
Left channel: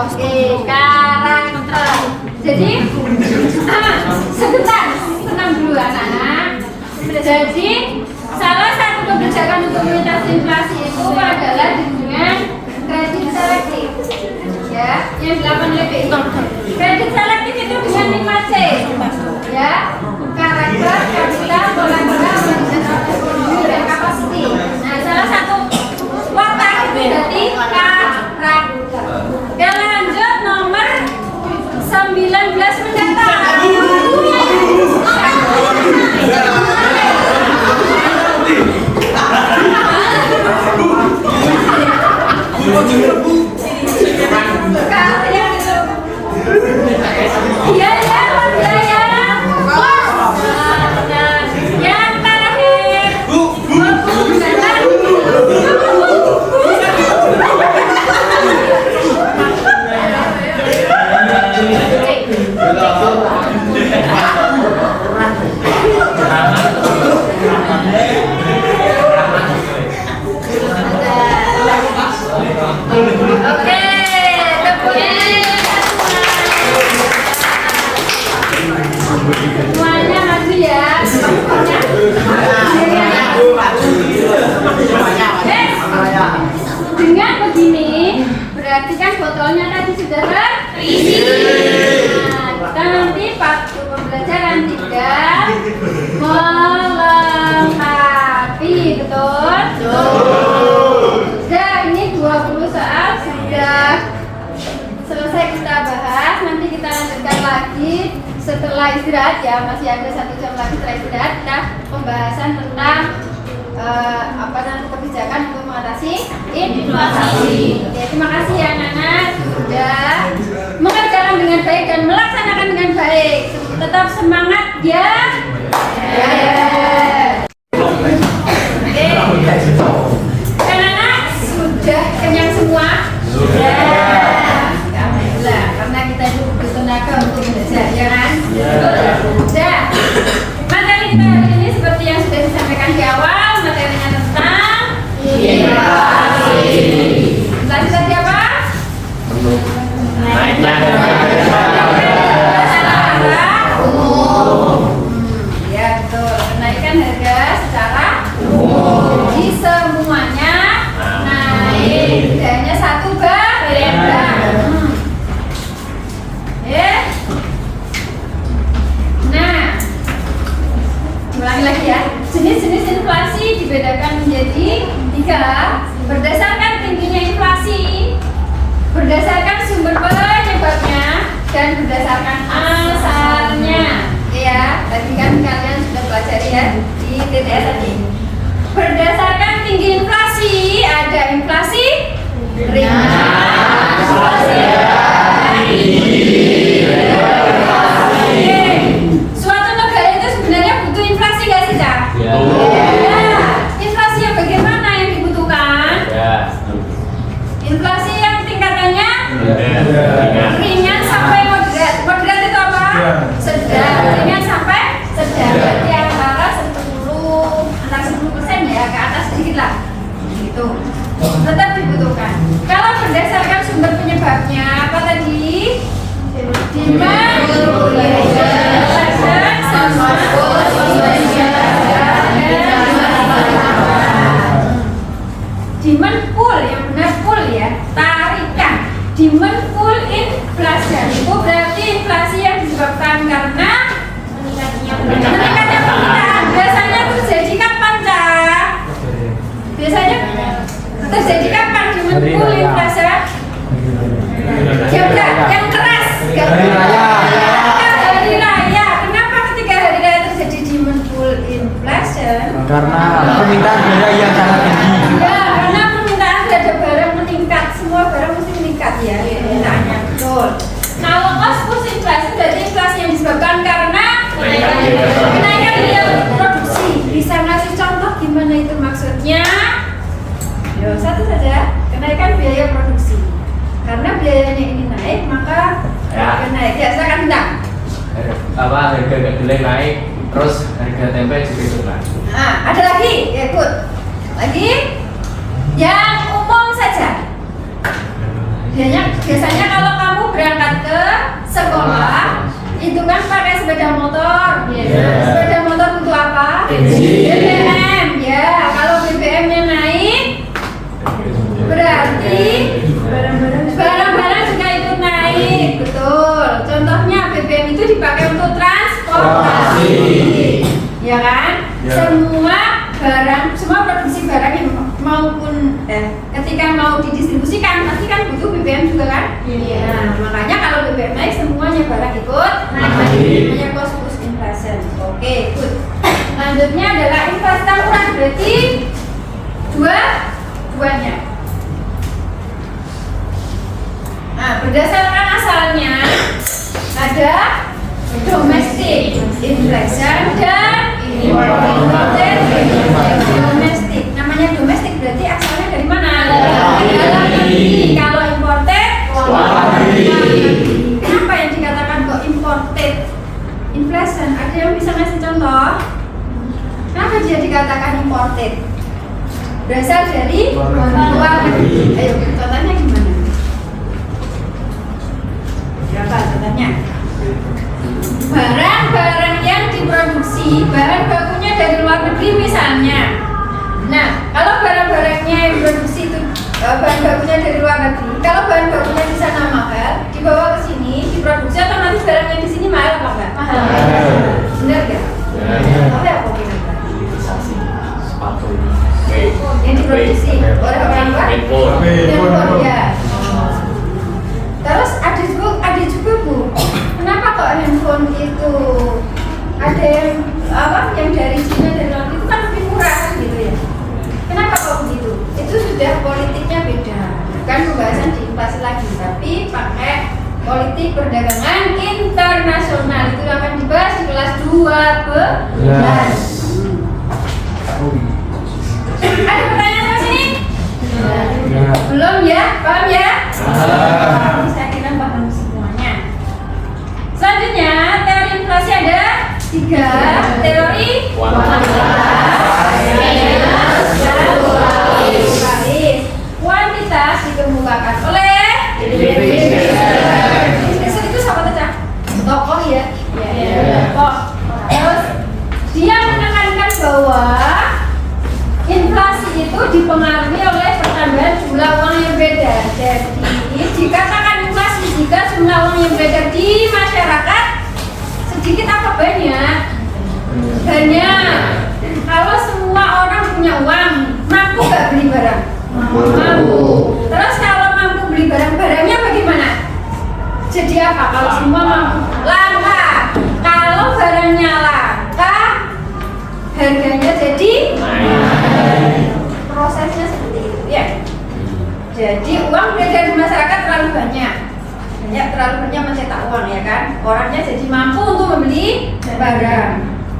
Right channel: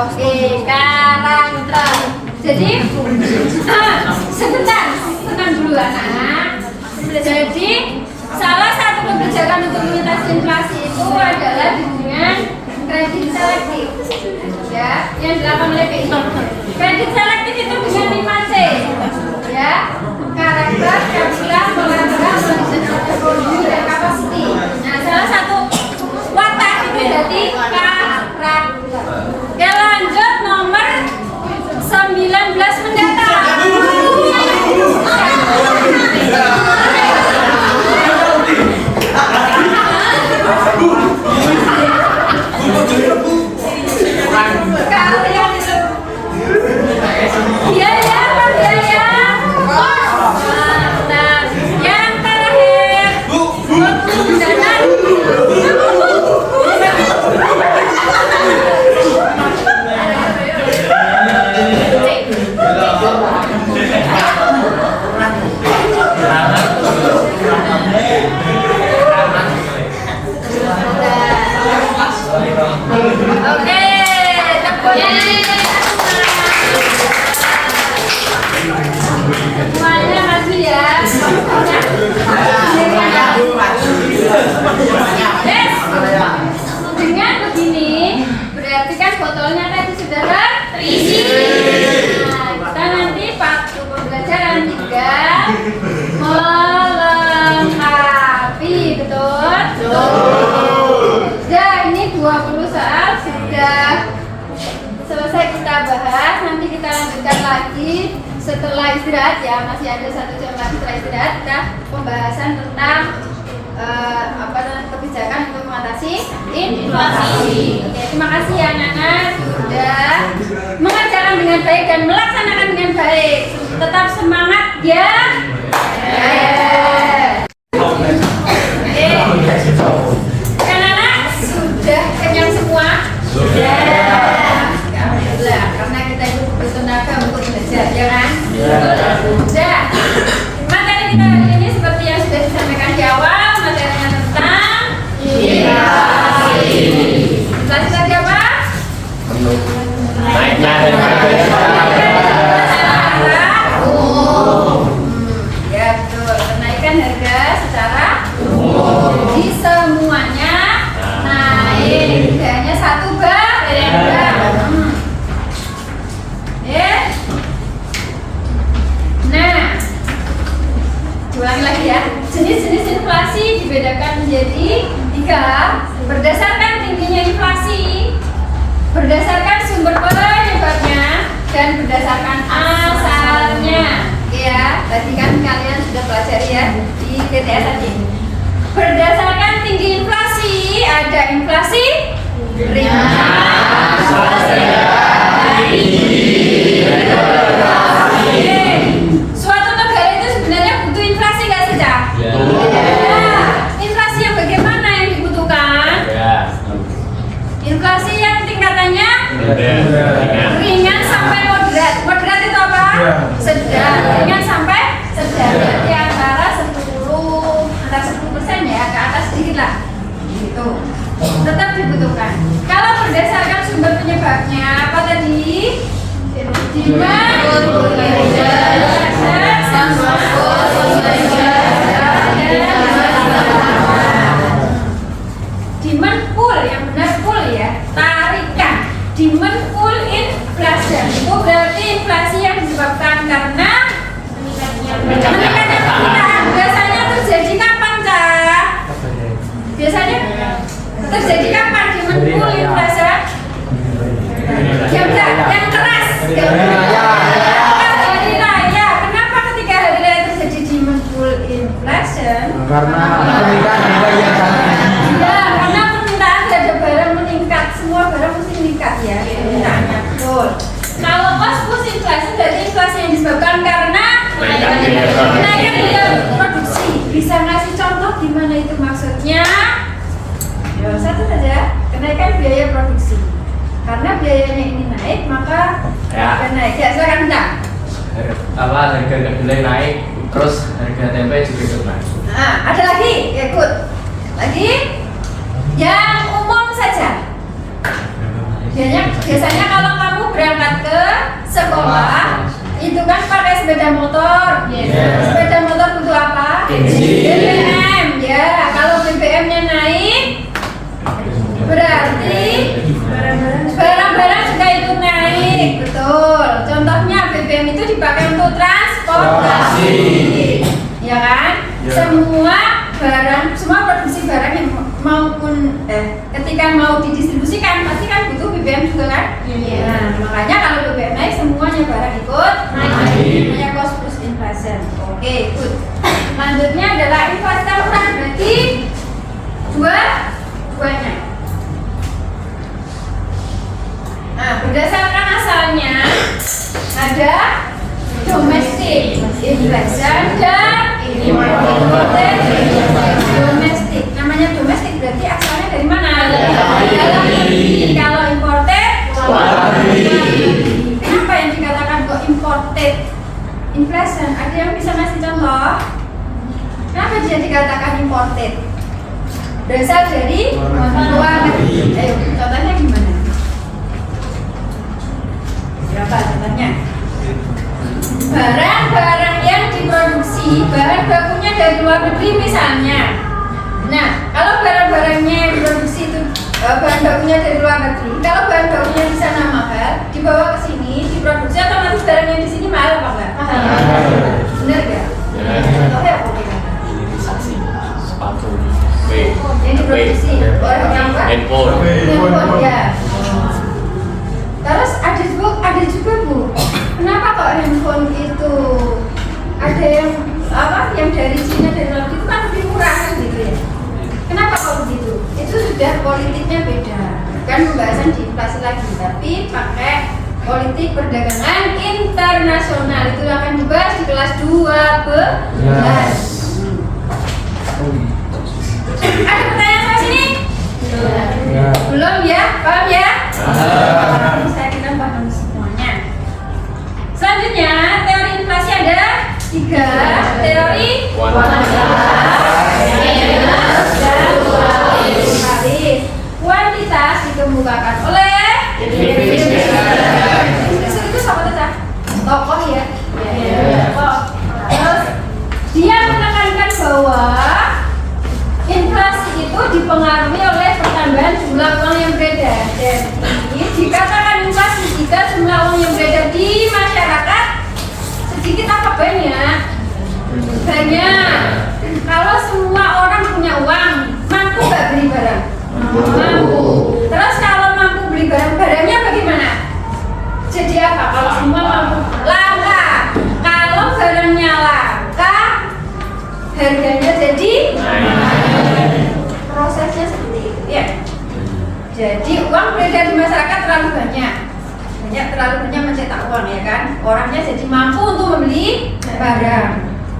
Oke, karakter. Jadi sebentar, tenang dulu anak-anak. Jadi salah satu kebijakan untuk mengatasi inflasi itu adalah dengan kredit selektif, ya, yang dilakukan oleh BI. Kredit selektif itu dengan 5C, ya, karakter, kapital, kolateral, manajemen ekonomi, dan kapasiti. Nah, salah satu watak itu berarti karakter. Oke, lanjut nomor 19 mencatat. Kalian itu iya ya Pak ya. Nah, yang terakhir 20 mencatat. Oke, semuanya lagi ya. Dengan begini, berarti kan botolnya tadi sudah terisi. Nah, kita nanti waktu pembelajaran tinggal melengkapi, betul? Sudah, ini 20 soal sudah selesai kita bahas. Nanti kita lanjutkan lagi setelah istirahat ya, masih ada 1 jam lagi setelah istirahat kita pembahasan tentang kebijakan untuk mengatasi inflasi. Oke, terima kasih ya anak-anak sudah mengerjakan dengan baik dan melaksanakan dengan baik. Tetap semangat ya. Oke, anak-anak sudah kenyang semua? Sudah. Alhamdulillah, karena kita itu bertenaga untuk belajar, ya kan? Sudah. Materi kita hari ini seperti yang sudah disampaikan di awal, materinya tentang inflasi. Inflasi tadi apa? Naiknya ya betul, kenaikan harga secara di semuanya naik, tidak hanya satu barang. Nah, ulangi lagi ya. Jenis-jenis inflasi dibedakan menjadi 3 berdasarkan tingginya inflasi, berdasarkan sumber penyebabnya, dan berdasarkan asalnya. Oke ya, tadi kan kalian sudah belajar ya di TTS tadi. Berdasarkan tinggi inflasi, ada inflasi ringan, suatu negara itu sebenarnya butuh inflasi gak sih, Cak? Ya. Inflasi yang bagaimana yang dibutuhkan? Inflasi yang tingkatannya ringan sampai moderat. Moderat itu apa? Sedang. Ringan sampai sedang. Berarti antara 10% ya, ke atas sedikit lah. Gitu. Tetap dibutuhkan. Kalau berdasarkan sumber penyebabnya apa tadi? Demand demand pull, yang benar pull ya, tarikan. Demand pull inflation itu berarti inflasi yang disebabkan dampaknya ya satu saja, kenaikan biaya produksi. Karena biayanya ini naik, maka harga naik. Ya, silakan Bintang. Harga kedelai naik, terus harga tempe juga ikut naik. Nah, ada lagi, ya, ikut lagi yang umum saja. Biasanya kalau kamu berangkat ke sekolah itu kan pakai sepeda motor. Sepeda motor butuh apa? BBM. Ya, kalau BBM-nya naik berarti barang-barang juga ikut naik. Betul. Contohnya BBM itu dipakai untuk transportasi. Ya kan? Semua produksi barang yang maupun ketika mau didistribusikan pasti kan butuh BBM juga kan? Nah, makanya kalau BBM naik semuanya barang ikut naik. Namanya cost plus inflation. Oke, good. Selanjutnya adalah inflasi tahunan, berarti duanya. Nah, berdasarkan asalnya ada domestic inflation dan imported inflation. Domestic, namanya domestic berarti asalnya dari mana? Dalam negeri. Kalau imported, luar negeri. Kenapa yang dikatakan kok imported inflation? Ada yang bisa ngasih contoh? Kenapa dia dikatakan imported? Berasal dari luar negeri. Ayo, contohnya gimana? Berapa contohnya? Barang-barang yang diproduksi bahan bakunya dari luar negeri misalnya. Nah, kalau barang-barangnya yang diproduksi itu bahan bakunya dari luar negeri, kalau bahan bakunya di sana mahal, dibawa ke sini, diproduksi otomatis barang yang di sini mahal apa enggak? Mahal. Benar enggak? Tahu ya kok kira-kira? Yang diproduksi oleh orang luar? Handphone ya. Terus ada juga Bu. Kenapa kok handphone itu ada yang dari Cina dari luar itu kan lebih murah kan gitu ya? Kenapa kok begitu? Itu sudah politiknya beda. Bukan pembahasan di inflasi lagi, tapi pakai politik perdagangan internasional. Itu akan dibahas di kelas 12. Ada pertanyaan sama sini? Belum ya? Paham ya? Saya kira paham semuanya. Selanjutnya, teori inflasi ada 3. Teori kuantitas dikemukakan oleh itu siapa saja? Tokoh ya? Tokoh. Terus dia menekankan bahwa inflasi itu dipengaruhi oleh pertambahan jumlah uang yang beda. Jadi dikatakan inflasi jika jumlah uang yang beda di masyarakat sedikit apa banyak? Banyak. Kalau semua orang punya uang, mampu nggak beli barang? Mampu. Terus kalau mampu beli barang-barangnya bagaimana? Jadi apa? Kalau semua mampu, langka. Kalau barangnya langka, harganya jadi prosesnya seperti itu ya. Jadi uang beredar di masyarakat terlalu banyak mencetak uang ya kan. Orangnya jadi mampu untuk membeli barang.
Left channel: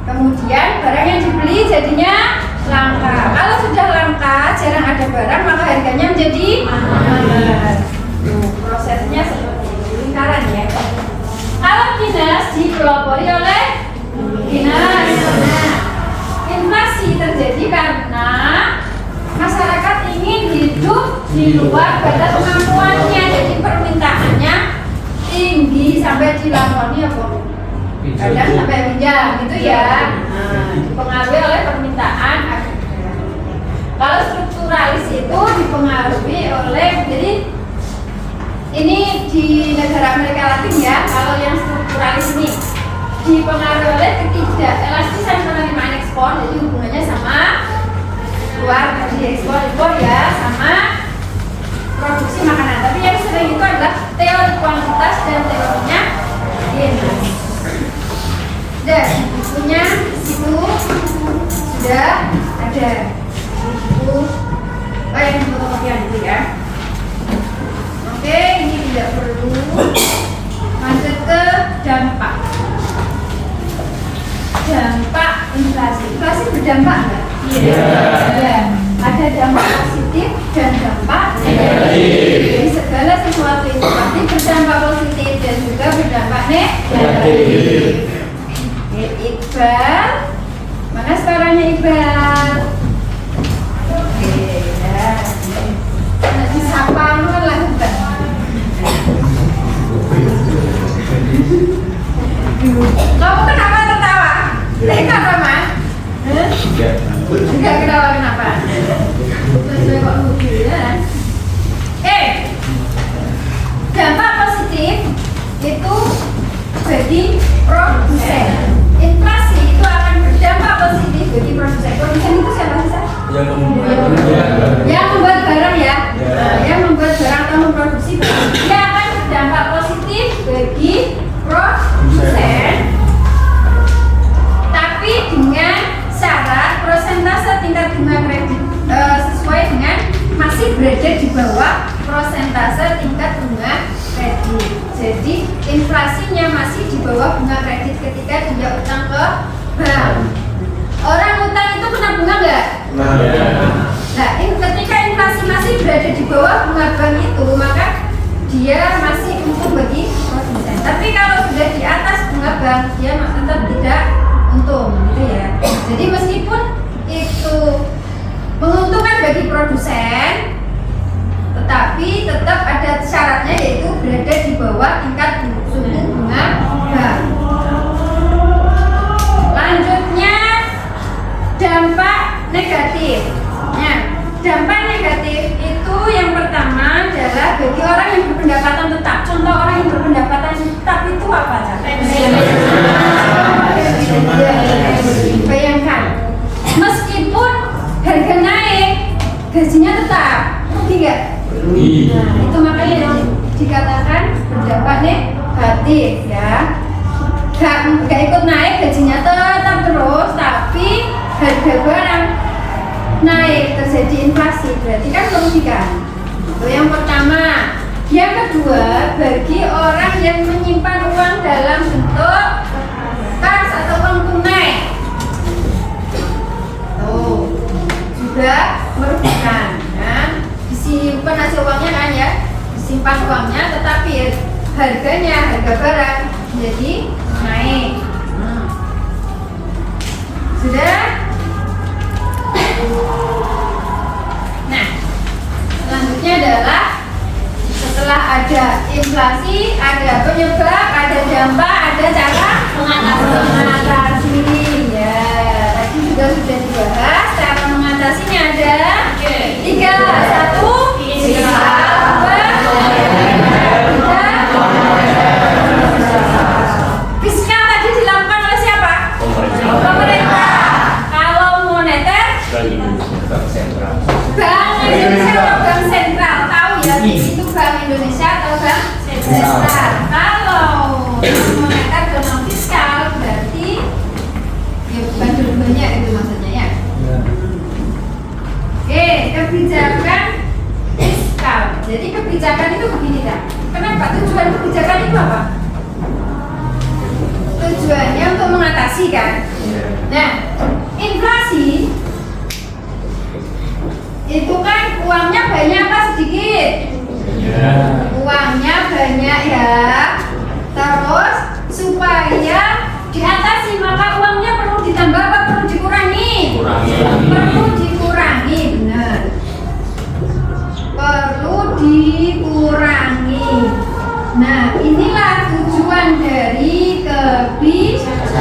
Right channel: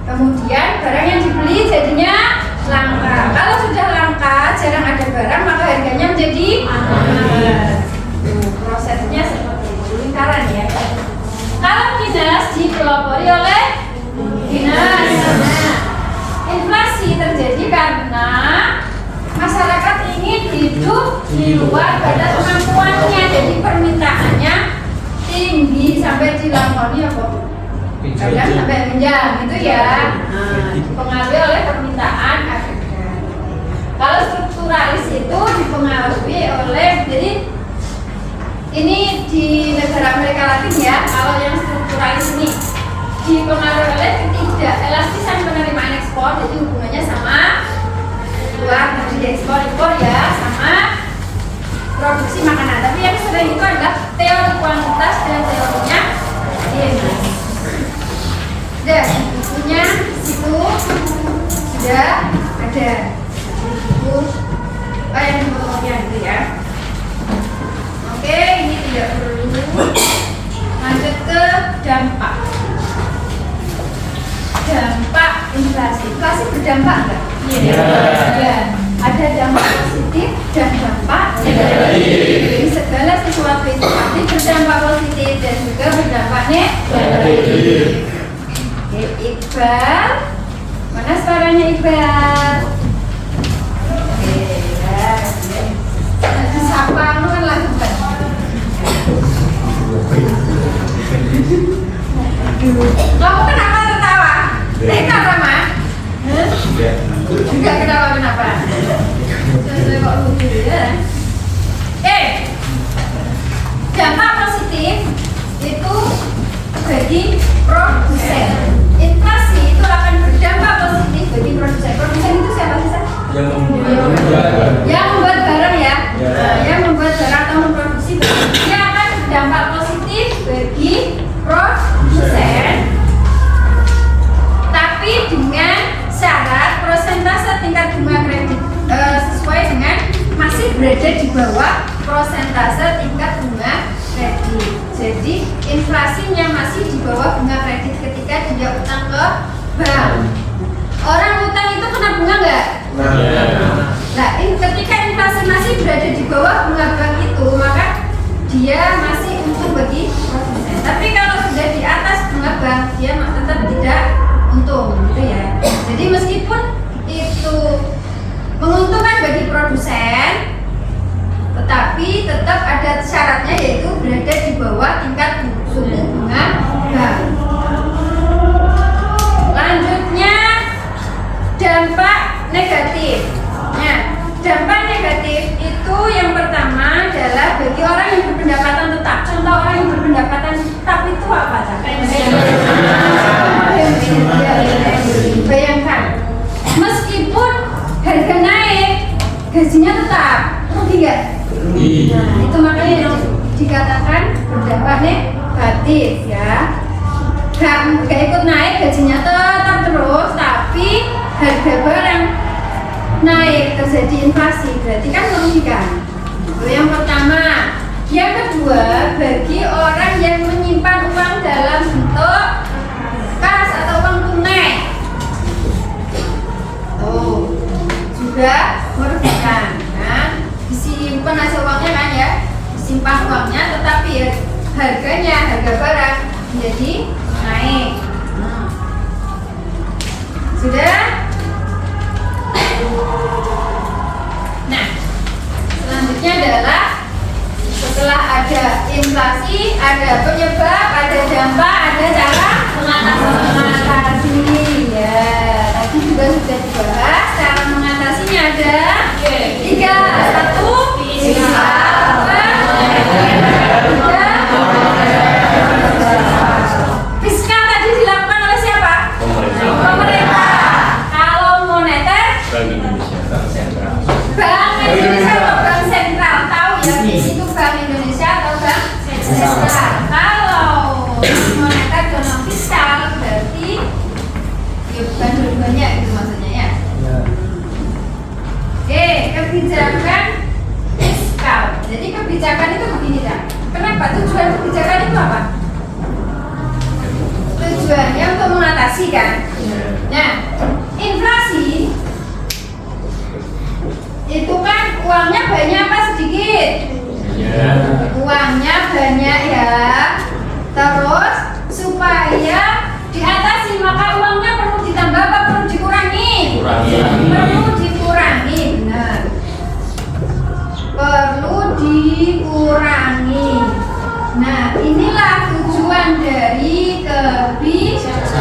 Kemudian barang yang dibeli jadinya langka. Kalau sudah langka, jarang ada barang, maka harganya menjadi mahal. Prosesnya seperti itu, lingkaran ya. Kalau dinas dipelopori oleh dinas. Nah, inflasi terjadi karena masyarakat ingin hidup di luar batas kemampuannya, jadi permintaannya tinggi sampai dilakoni apa? Kadang sampai menjam gitu ya. Dipengaruhi oleh permintaan ada. Kalau strukturalis itu dipengaruhi oleh, jadi ini di negara Amerika Latin ya. Kalau yang strukturalis ini dipengaruhi oleh ketidakelastisan penerimaan ekspor, jadi hubungannya sama luar negeri, ekspor impor ya, sama produksi makanan. Tapi yang sering itu adalah teori kuantitas dan teorinya DNS. Dan bukunya itu sudah ada buku yang di fotokopian itu ya. Oke, ini tidak perlu. Lanjut ke dampak. Dampak inflasi. Inflasi berdampak enggak? Iya. ada dampak positif dan dampak negatif. Jadi segala sesuatu itu pasti berdampak positif dan juga berdampak negatif. Oke, Iqbal, mana suaranya Iqbal? Oke, ya. Disapa lu kan lagi Iqbal. Kamu kenapa tertawa? Kenapa, Mas? Enggak ketawa kenapa? Sudah kok lucu ya. Dampak positif itu bagi produsen. Inflasi itu akan berdampak positif bagi produsen. Produsen itu siapa sih? Yang membuat barang ya. Yang membuat barang atau memproduksi barang. Dia akan berdampak positif bagi produsen. Tapi dengan syarat persentase tingkat bunga kredit sesuai dengan masih berada di bawah persentase tingkat bunga kredit. Jadi inflasinya masih di bawah bunga kredit ketika dia utang ke bank. Orang utang itu kena bunga nggak? Nah, ketika inflasi masih berada di bawah bunga bank itu, maka dia masih untung bagi produsen. Tapi kalau sudah di atas bunga bank, dia tetap tidak untung, gitu ya. Jadi meskipun itu menguntungkan bagi produsen, tetapi tetap ada syaratnya yaitu berada di bawah tingkat suku bunga bank. Lanjutnya dampak negatif. Nah, dampak negatif itu yang pertama adalah bagi orang yang berpendapatan tetap. Contoh orang yang berpendapatan tetap itu apa? Bayangkan, meskipun harga naik, gajinya tetap, rugi nggak? Nah, itu makanya dikatakan berdampak negatif ya. Gak ikut naik, gajinya tetap terus, tapi harga barang naik, terjadi inflasi, berarti kan merugikan. Itu yang pertama. Yang kedua, bagi orang yang menyimpan uang dalam bentuk kas atau uang tunai, juga merugikan. Nah, disimpan hasil uangnya kan ya, disimpan uangnya, tetapi harganya, harga barang menjadi naik. Sudah? Nah, selanjutnya adalah setelah ada inflasi, ada penyebab, ada dampak, ada cara mengatasi. Ya, tadi juga sudah dibahas. Cara mengatasinya ada 3, 1, fiskal tadi dilakukan oleh siapa? Pemerintah. Kalau moneter, Bank Sentral. Bank Indonesia atau Bank Sentral, tahu ya? Itu Bank Indonesia atau Bank Sentral. Kalau moneter dan non fiskal berarti ya bukan dua-duanya itu maksudnya ya. Kebijakan fiskal. Jadi kebijakan itu begini kan? Kenapa? Tujuan kebijakan itu apa? Tujuannya untuk mengatasi kan? Nah, inflasi itu kan uangnya banyak apa sedikit? Uangnya banyak ya. Terus supaya diatasi maka uangnya perlu ditambah apa perlu dikurangi? Perlu dikurangi, benar. Perlu dikurangi. Nah, inilah tujuan dari kebijakan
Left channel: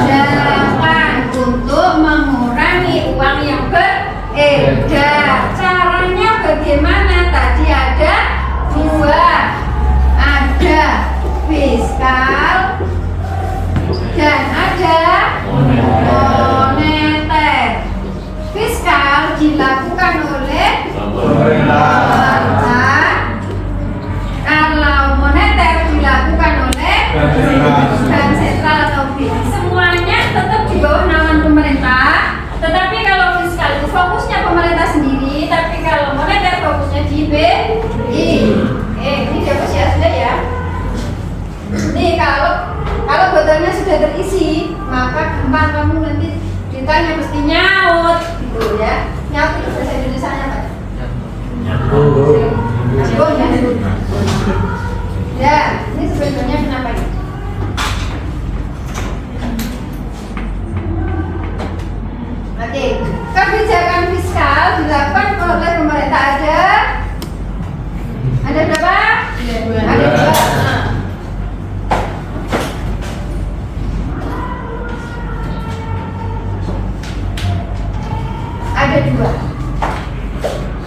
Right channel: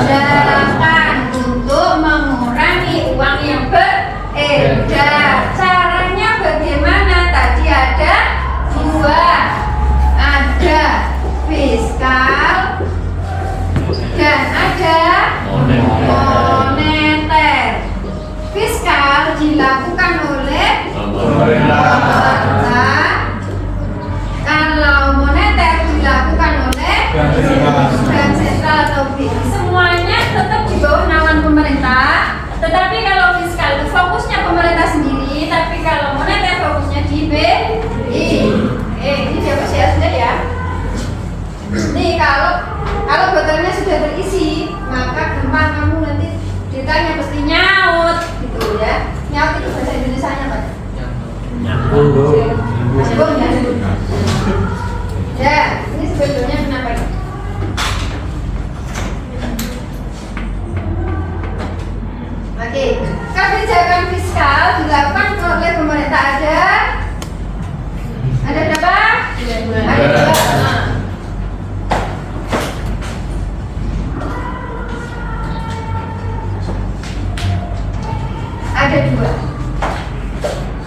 untuk mengurangi uang yang beredar. Caranya bagaimana? Tadi ada 2, ada fiskal dan ada moneter. Fiskal dilakukan oleh pemerintah. Kalau moneter dilakukan oleh Bank Sentral atau BI. Semuanya tetap di bawah naungan pemerintah. Tetapi kalau fiskal itu fokusnya pemerintah sendiri, tapi kalau moneter fokusnya di BI. Ini dapat ya sudah ya. Nih kalau botolnya sudah terisi, maka gampang kamu nanti ditanya mesti nyaut gitu ya. Nyaut itu bahasa Indonesianya apa? Nyambung ya. Ya, ini sebetulnya kenapa ini? Oke, kebijakan fiskal dilakukan oleh pemerintah ada berapa? Ada dua. Ada dua.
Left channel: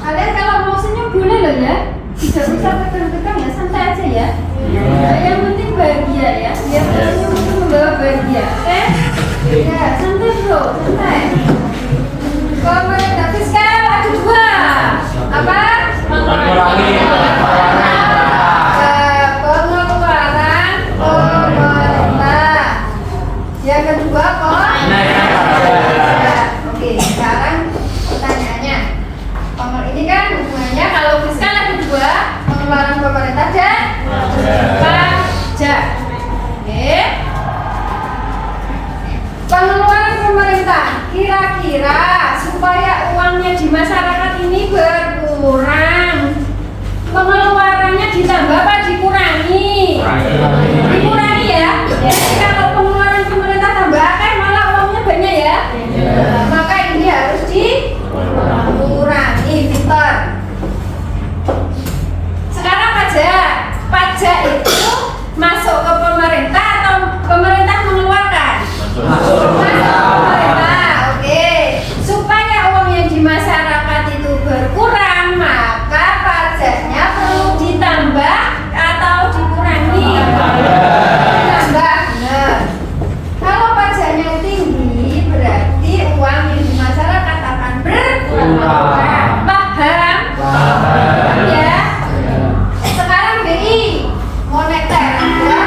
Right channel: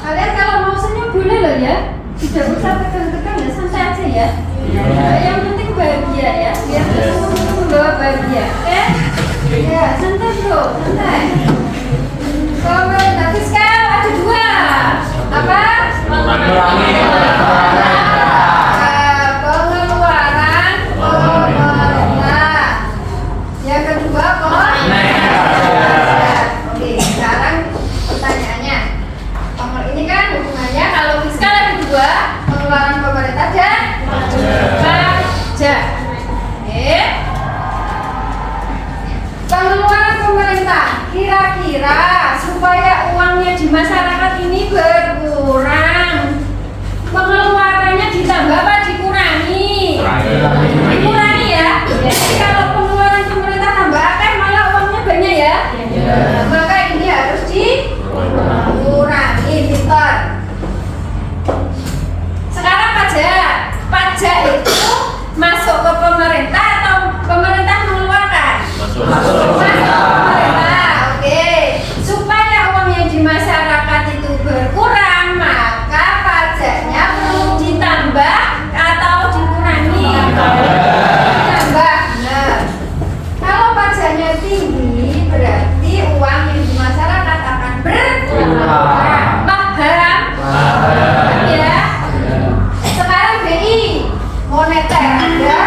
Kalian kalau mau senyum boleh loh ya. Tidak usah tegang-tegang ya, santai aja ya. Yang penting bahagia ya. Biar senyum bawa bahagia. Oke? Ya, santai bro, santai. Pemerintah fiskal ada dua. Apa? Pengeluaran pemerintah. Yang kedua Oke, sekarang pertanyaannya. Ini kan hubungannya kalau fiskal ada dua, pengeluaran pemerintah dan pajak. Oke. Pengeluaran pemerintah kira-kira supaya uangnya di masyarakat ini berkurang, pengeluarannya ditambah apa dikurangi? Dikurangi ya. Jadi kalau pengeluaran pemerintah tambah akeh malah uangnya banyak ya. Maka ini harus dikurangi, pintar. Sekarang pajak itu masuk ke pemerintah atau pemerintah mengeluarkan? Masuk pemerintah. Oke. Supaya uang yang di masyarakat itu berkurang, maka pajaknya perlu ditambah atau dikurangi? Ditambah. Nah, kalau pajaknya tinggi berarti uang yang di masyarakat akan berkurang. Paham? Ya. Sekarang BI moneter ada.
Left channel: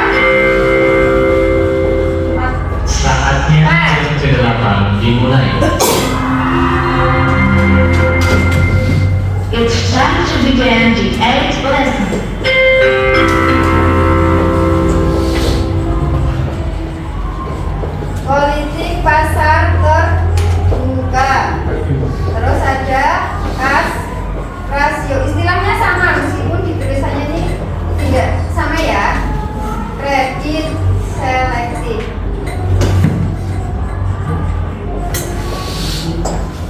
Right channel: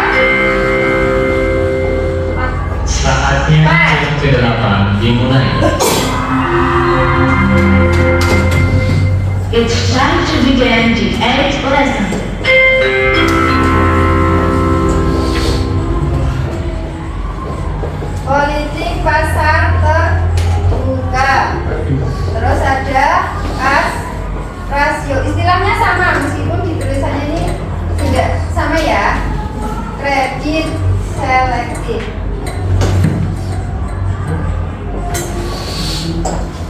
Saatnya yang ke-8 dimulai. It's time to begin the 8th lesson. Politik pasar terbuka. Terus ada kas rasio. Istilahnya sama meskipun di tulisannya ini tidak sama ya. Kredit selektif.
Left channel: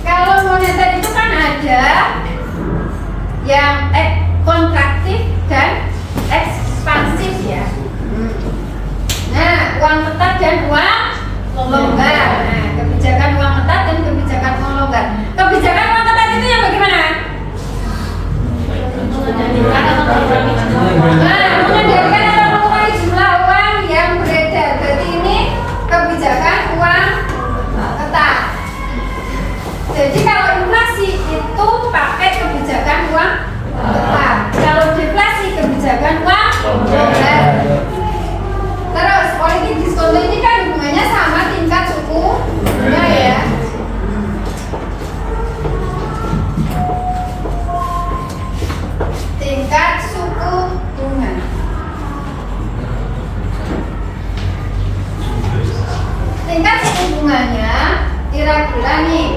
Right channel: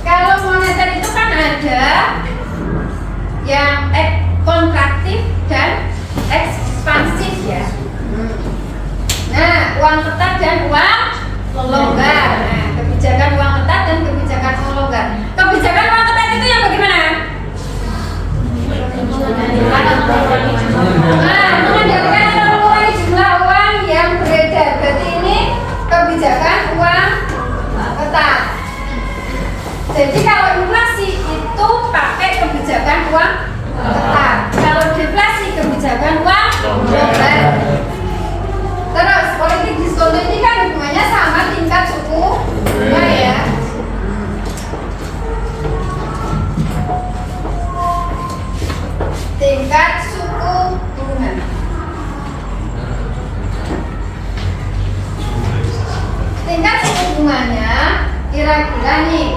Kalau moneter itu kan ada yang kontraktif dan ekspansif ya. Nah, uang tetap dan uang longgar. Nah, kebijakan uang tetap dan kebijakan uang longgar. Kebijakan uang tetap itu yang bagaimana? Mengendalikan atau mengurangi jumlah uang yang beredar. Berarti ini kebijakan uang tetap. Jadi kalau inflasi itu pakai kebijakan uang tetap. Kalau deflasi kebijakan uang longgar. Terus politik diskon ini kan hubungannya sama tingkat suku bunga ya. Tingkat suku bunga. Tingkat suku bunganya kira-kira nih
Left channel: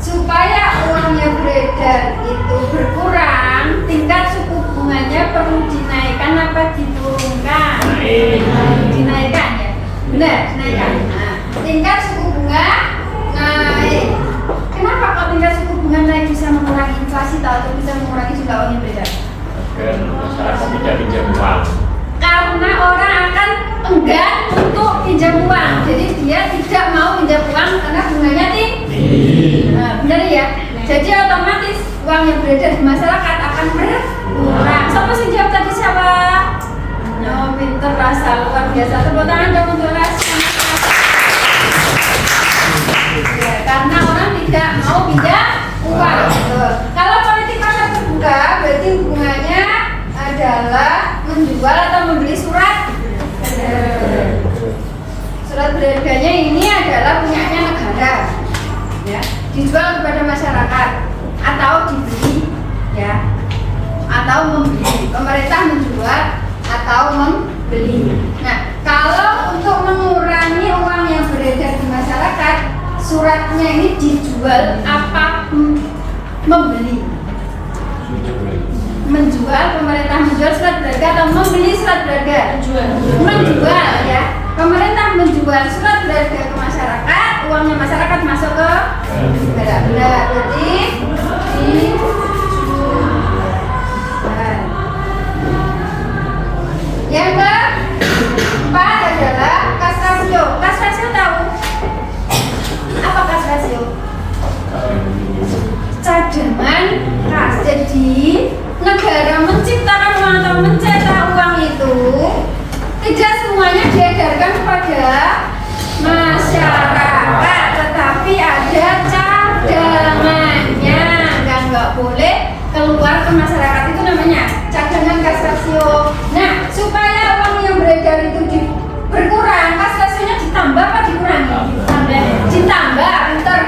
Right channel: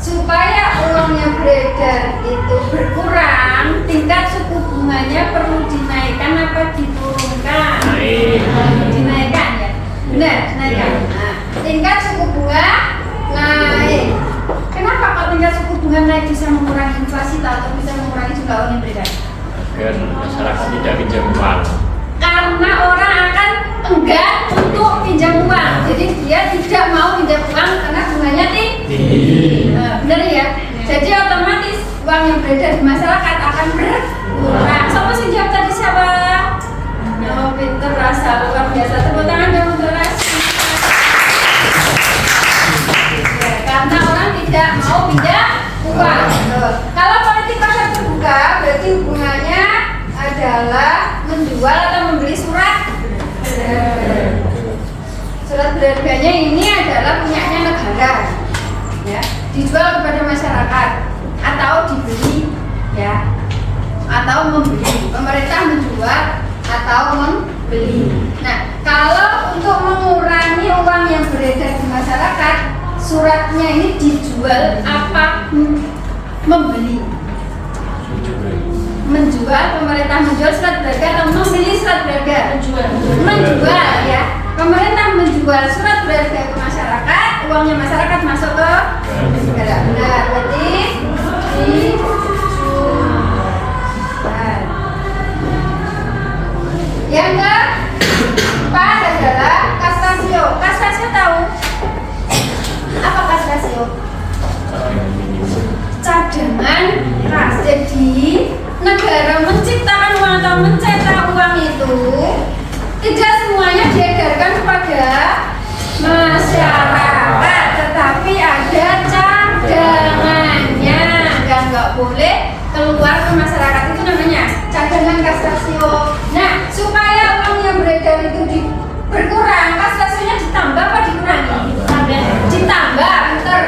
supaya uang yang beredar itu berkurang, tingkat suku bunganya perlu dinaikkan apa diturunkan? Dinaikkan ya, benar, dinaikkan. Nah, tingkat suku bunga naik. Kenapa kok tingkat suku bunga naik bisa mengurangi inflasi atau bisa mengurangi jumlah uang yang beredar? Agar masyarakat tidak pinjam uang. Karena orang akan enggan untuk pinjam uang, jadi dia tidak mau pinjam uang karena bunganya tinggi. Benar ya? Jadi otomatis uang yang beredar di masyarakat akan berkurang. Siapa sih jawab tadi siapa? Oh, pinter rasa luar biasa. Tepuk tangan dong untuk Rasi. Ya, karena orang tidak mau pinjam uang. Kalau politik pasar terbuka berarti hubungannya adalah menjual atau membeli surat berharga. Surat berharganya ini adalah punyanya negara, ya, dijual kepada masyarakat atau dibeli, ya, atau membeli. Pemerintah menjual atau membeli. Nah, kalau untuk mengurangi uang yang beredar di masyarakat, suratnya ini dijual apa membeli? menjual, pemerintah menjual surat berharga atau membeli surat berharga? Menjual ya. Pemerintah menjual surat berharga ke masyarakat, uangnya masyarakat masuk ke negara. Benar, berarti dijual. Yang keempat adalah kas rasio. Kas rasio tahu? Apa kas rasio? Cadangan kas. Jadi negara menciptakan uang atau mencetak uang itu tidak semuanya diedarkan kepada masyarakat, tetapi ada cadangannya. Nggak boleh keluar ke masyarakat, itu namanya cadangan kas rasio. Nah, supaya uang yang beredar itu berkurang, kas rasionya ditambah apa dikurangi? Ditambah, bentar.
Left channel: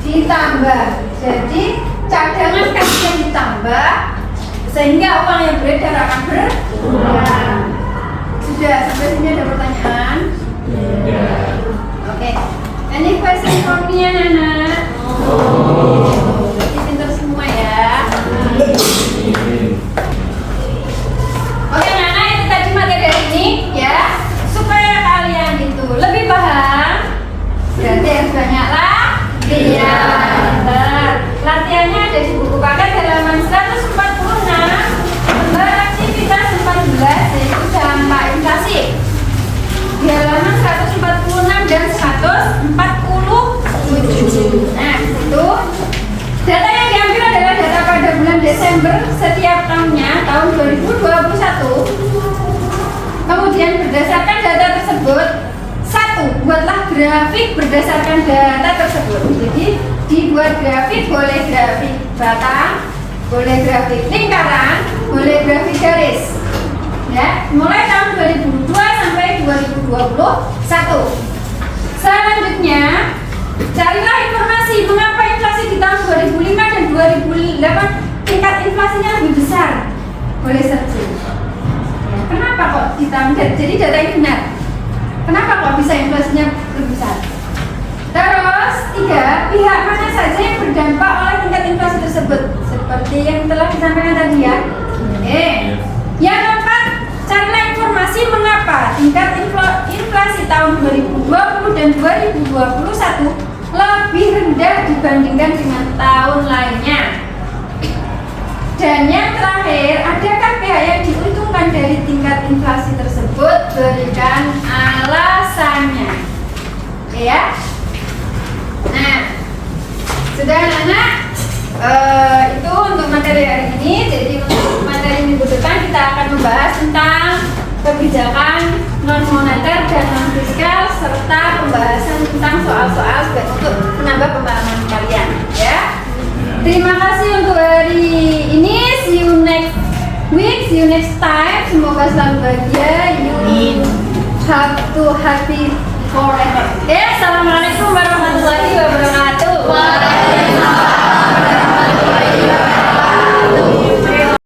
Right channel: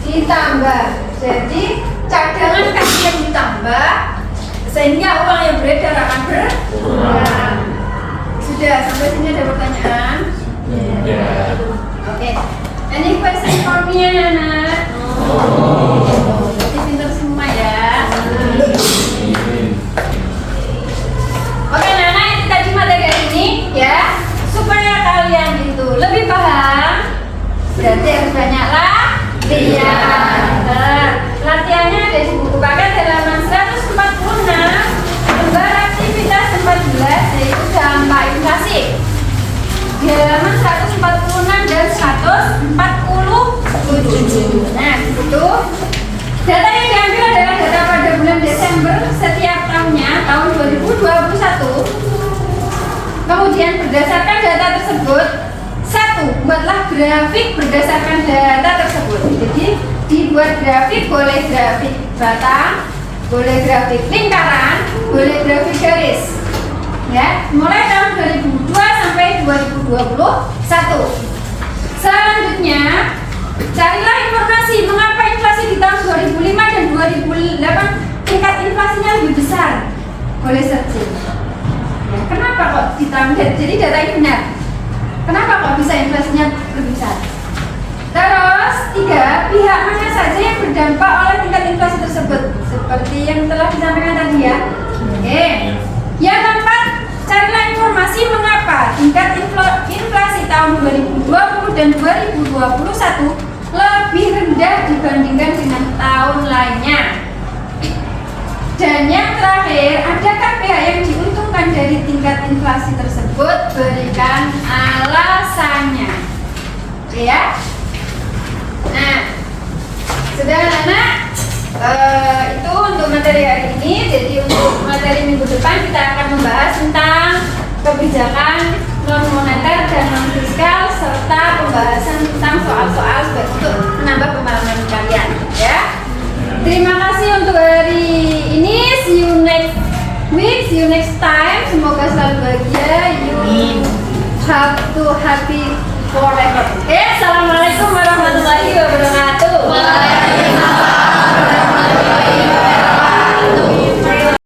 Ditambah. Jadi cadangan kas yang ditambah sehingga uang yang beredar akan berkurang. Sudah, sampai sini ada pertanyaan? Ya. Oke. Any question for me, anak-anak? Berarti pintar semua ya. Oke, anak-anak, ini tadi materi hari ini ya. Supaya kalian itu lebih paham, berarti harus banyak latihan. Nah, latihannya ada di buku paket halaman 146, lembar aktivitas 14, yaitu dampak inflasi. Di halaman 146 dan 147. Nah, itu data yang diambil adalah data pada bulan Desember setiap tahunnya, tahun 2021. Kemudian berdasarkan data tersebut, satu, buatlah grafik berdasarkan data tersebut. Jadi dibuat grafik, boleh grafik batang, boleh grafik lingkaran, boleh grafik garis. Ya, mulai tahun 2002 sampai 2021. Selanjutnya, carilah informasi mengapa inflasi di tahun 2005 dan 2008 tingkat inflasinya lebih besar. Boleh searching. Ya, kenapa kok di tahun, jadi data ini benar. Kenapa kok bisa inflasinya lebih besar? Terus, tiga, pihak mana saja yang berdampak oleh tingkat inflasi tersebut? Seperti yang telah disampaikan tadi ya. Yang keempat, carilah informasi mengapa tingkat inflasi tahun 2020 dan 2021 lebih rendah dibandingkan dengan tahun lainnya. Dan yang terakhir, adakah pihak yang diuntungkan dari tingkat inflasi tersebut? Berikan alasannya. Oke ya. Nah, sudah anak-anak, itu untuk materi hari ini. Jadi untuk materi minggu depan kita akan membahas tentang kebijakan non moneter dan non fiskal serta pembahasan tentang soal-soal untuk menambah pemahaman kalian ya. Terima kasih untuk hari ini. See you next week, see you next time. Semoga selalu bahagia. You have to happy forever. Assalamualaikum warahmatullahi wabarakatuh.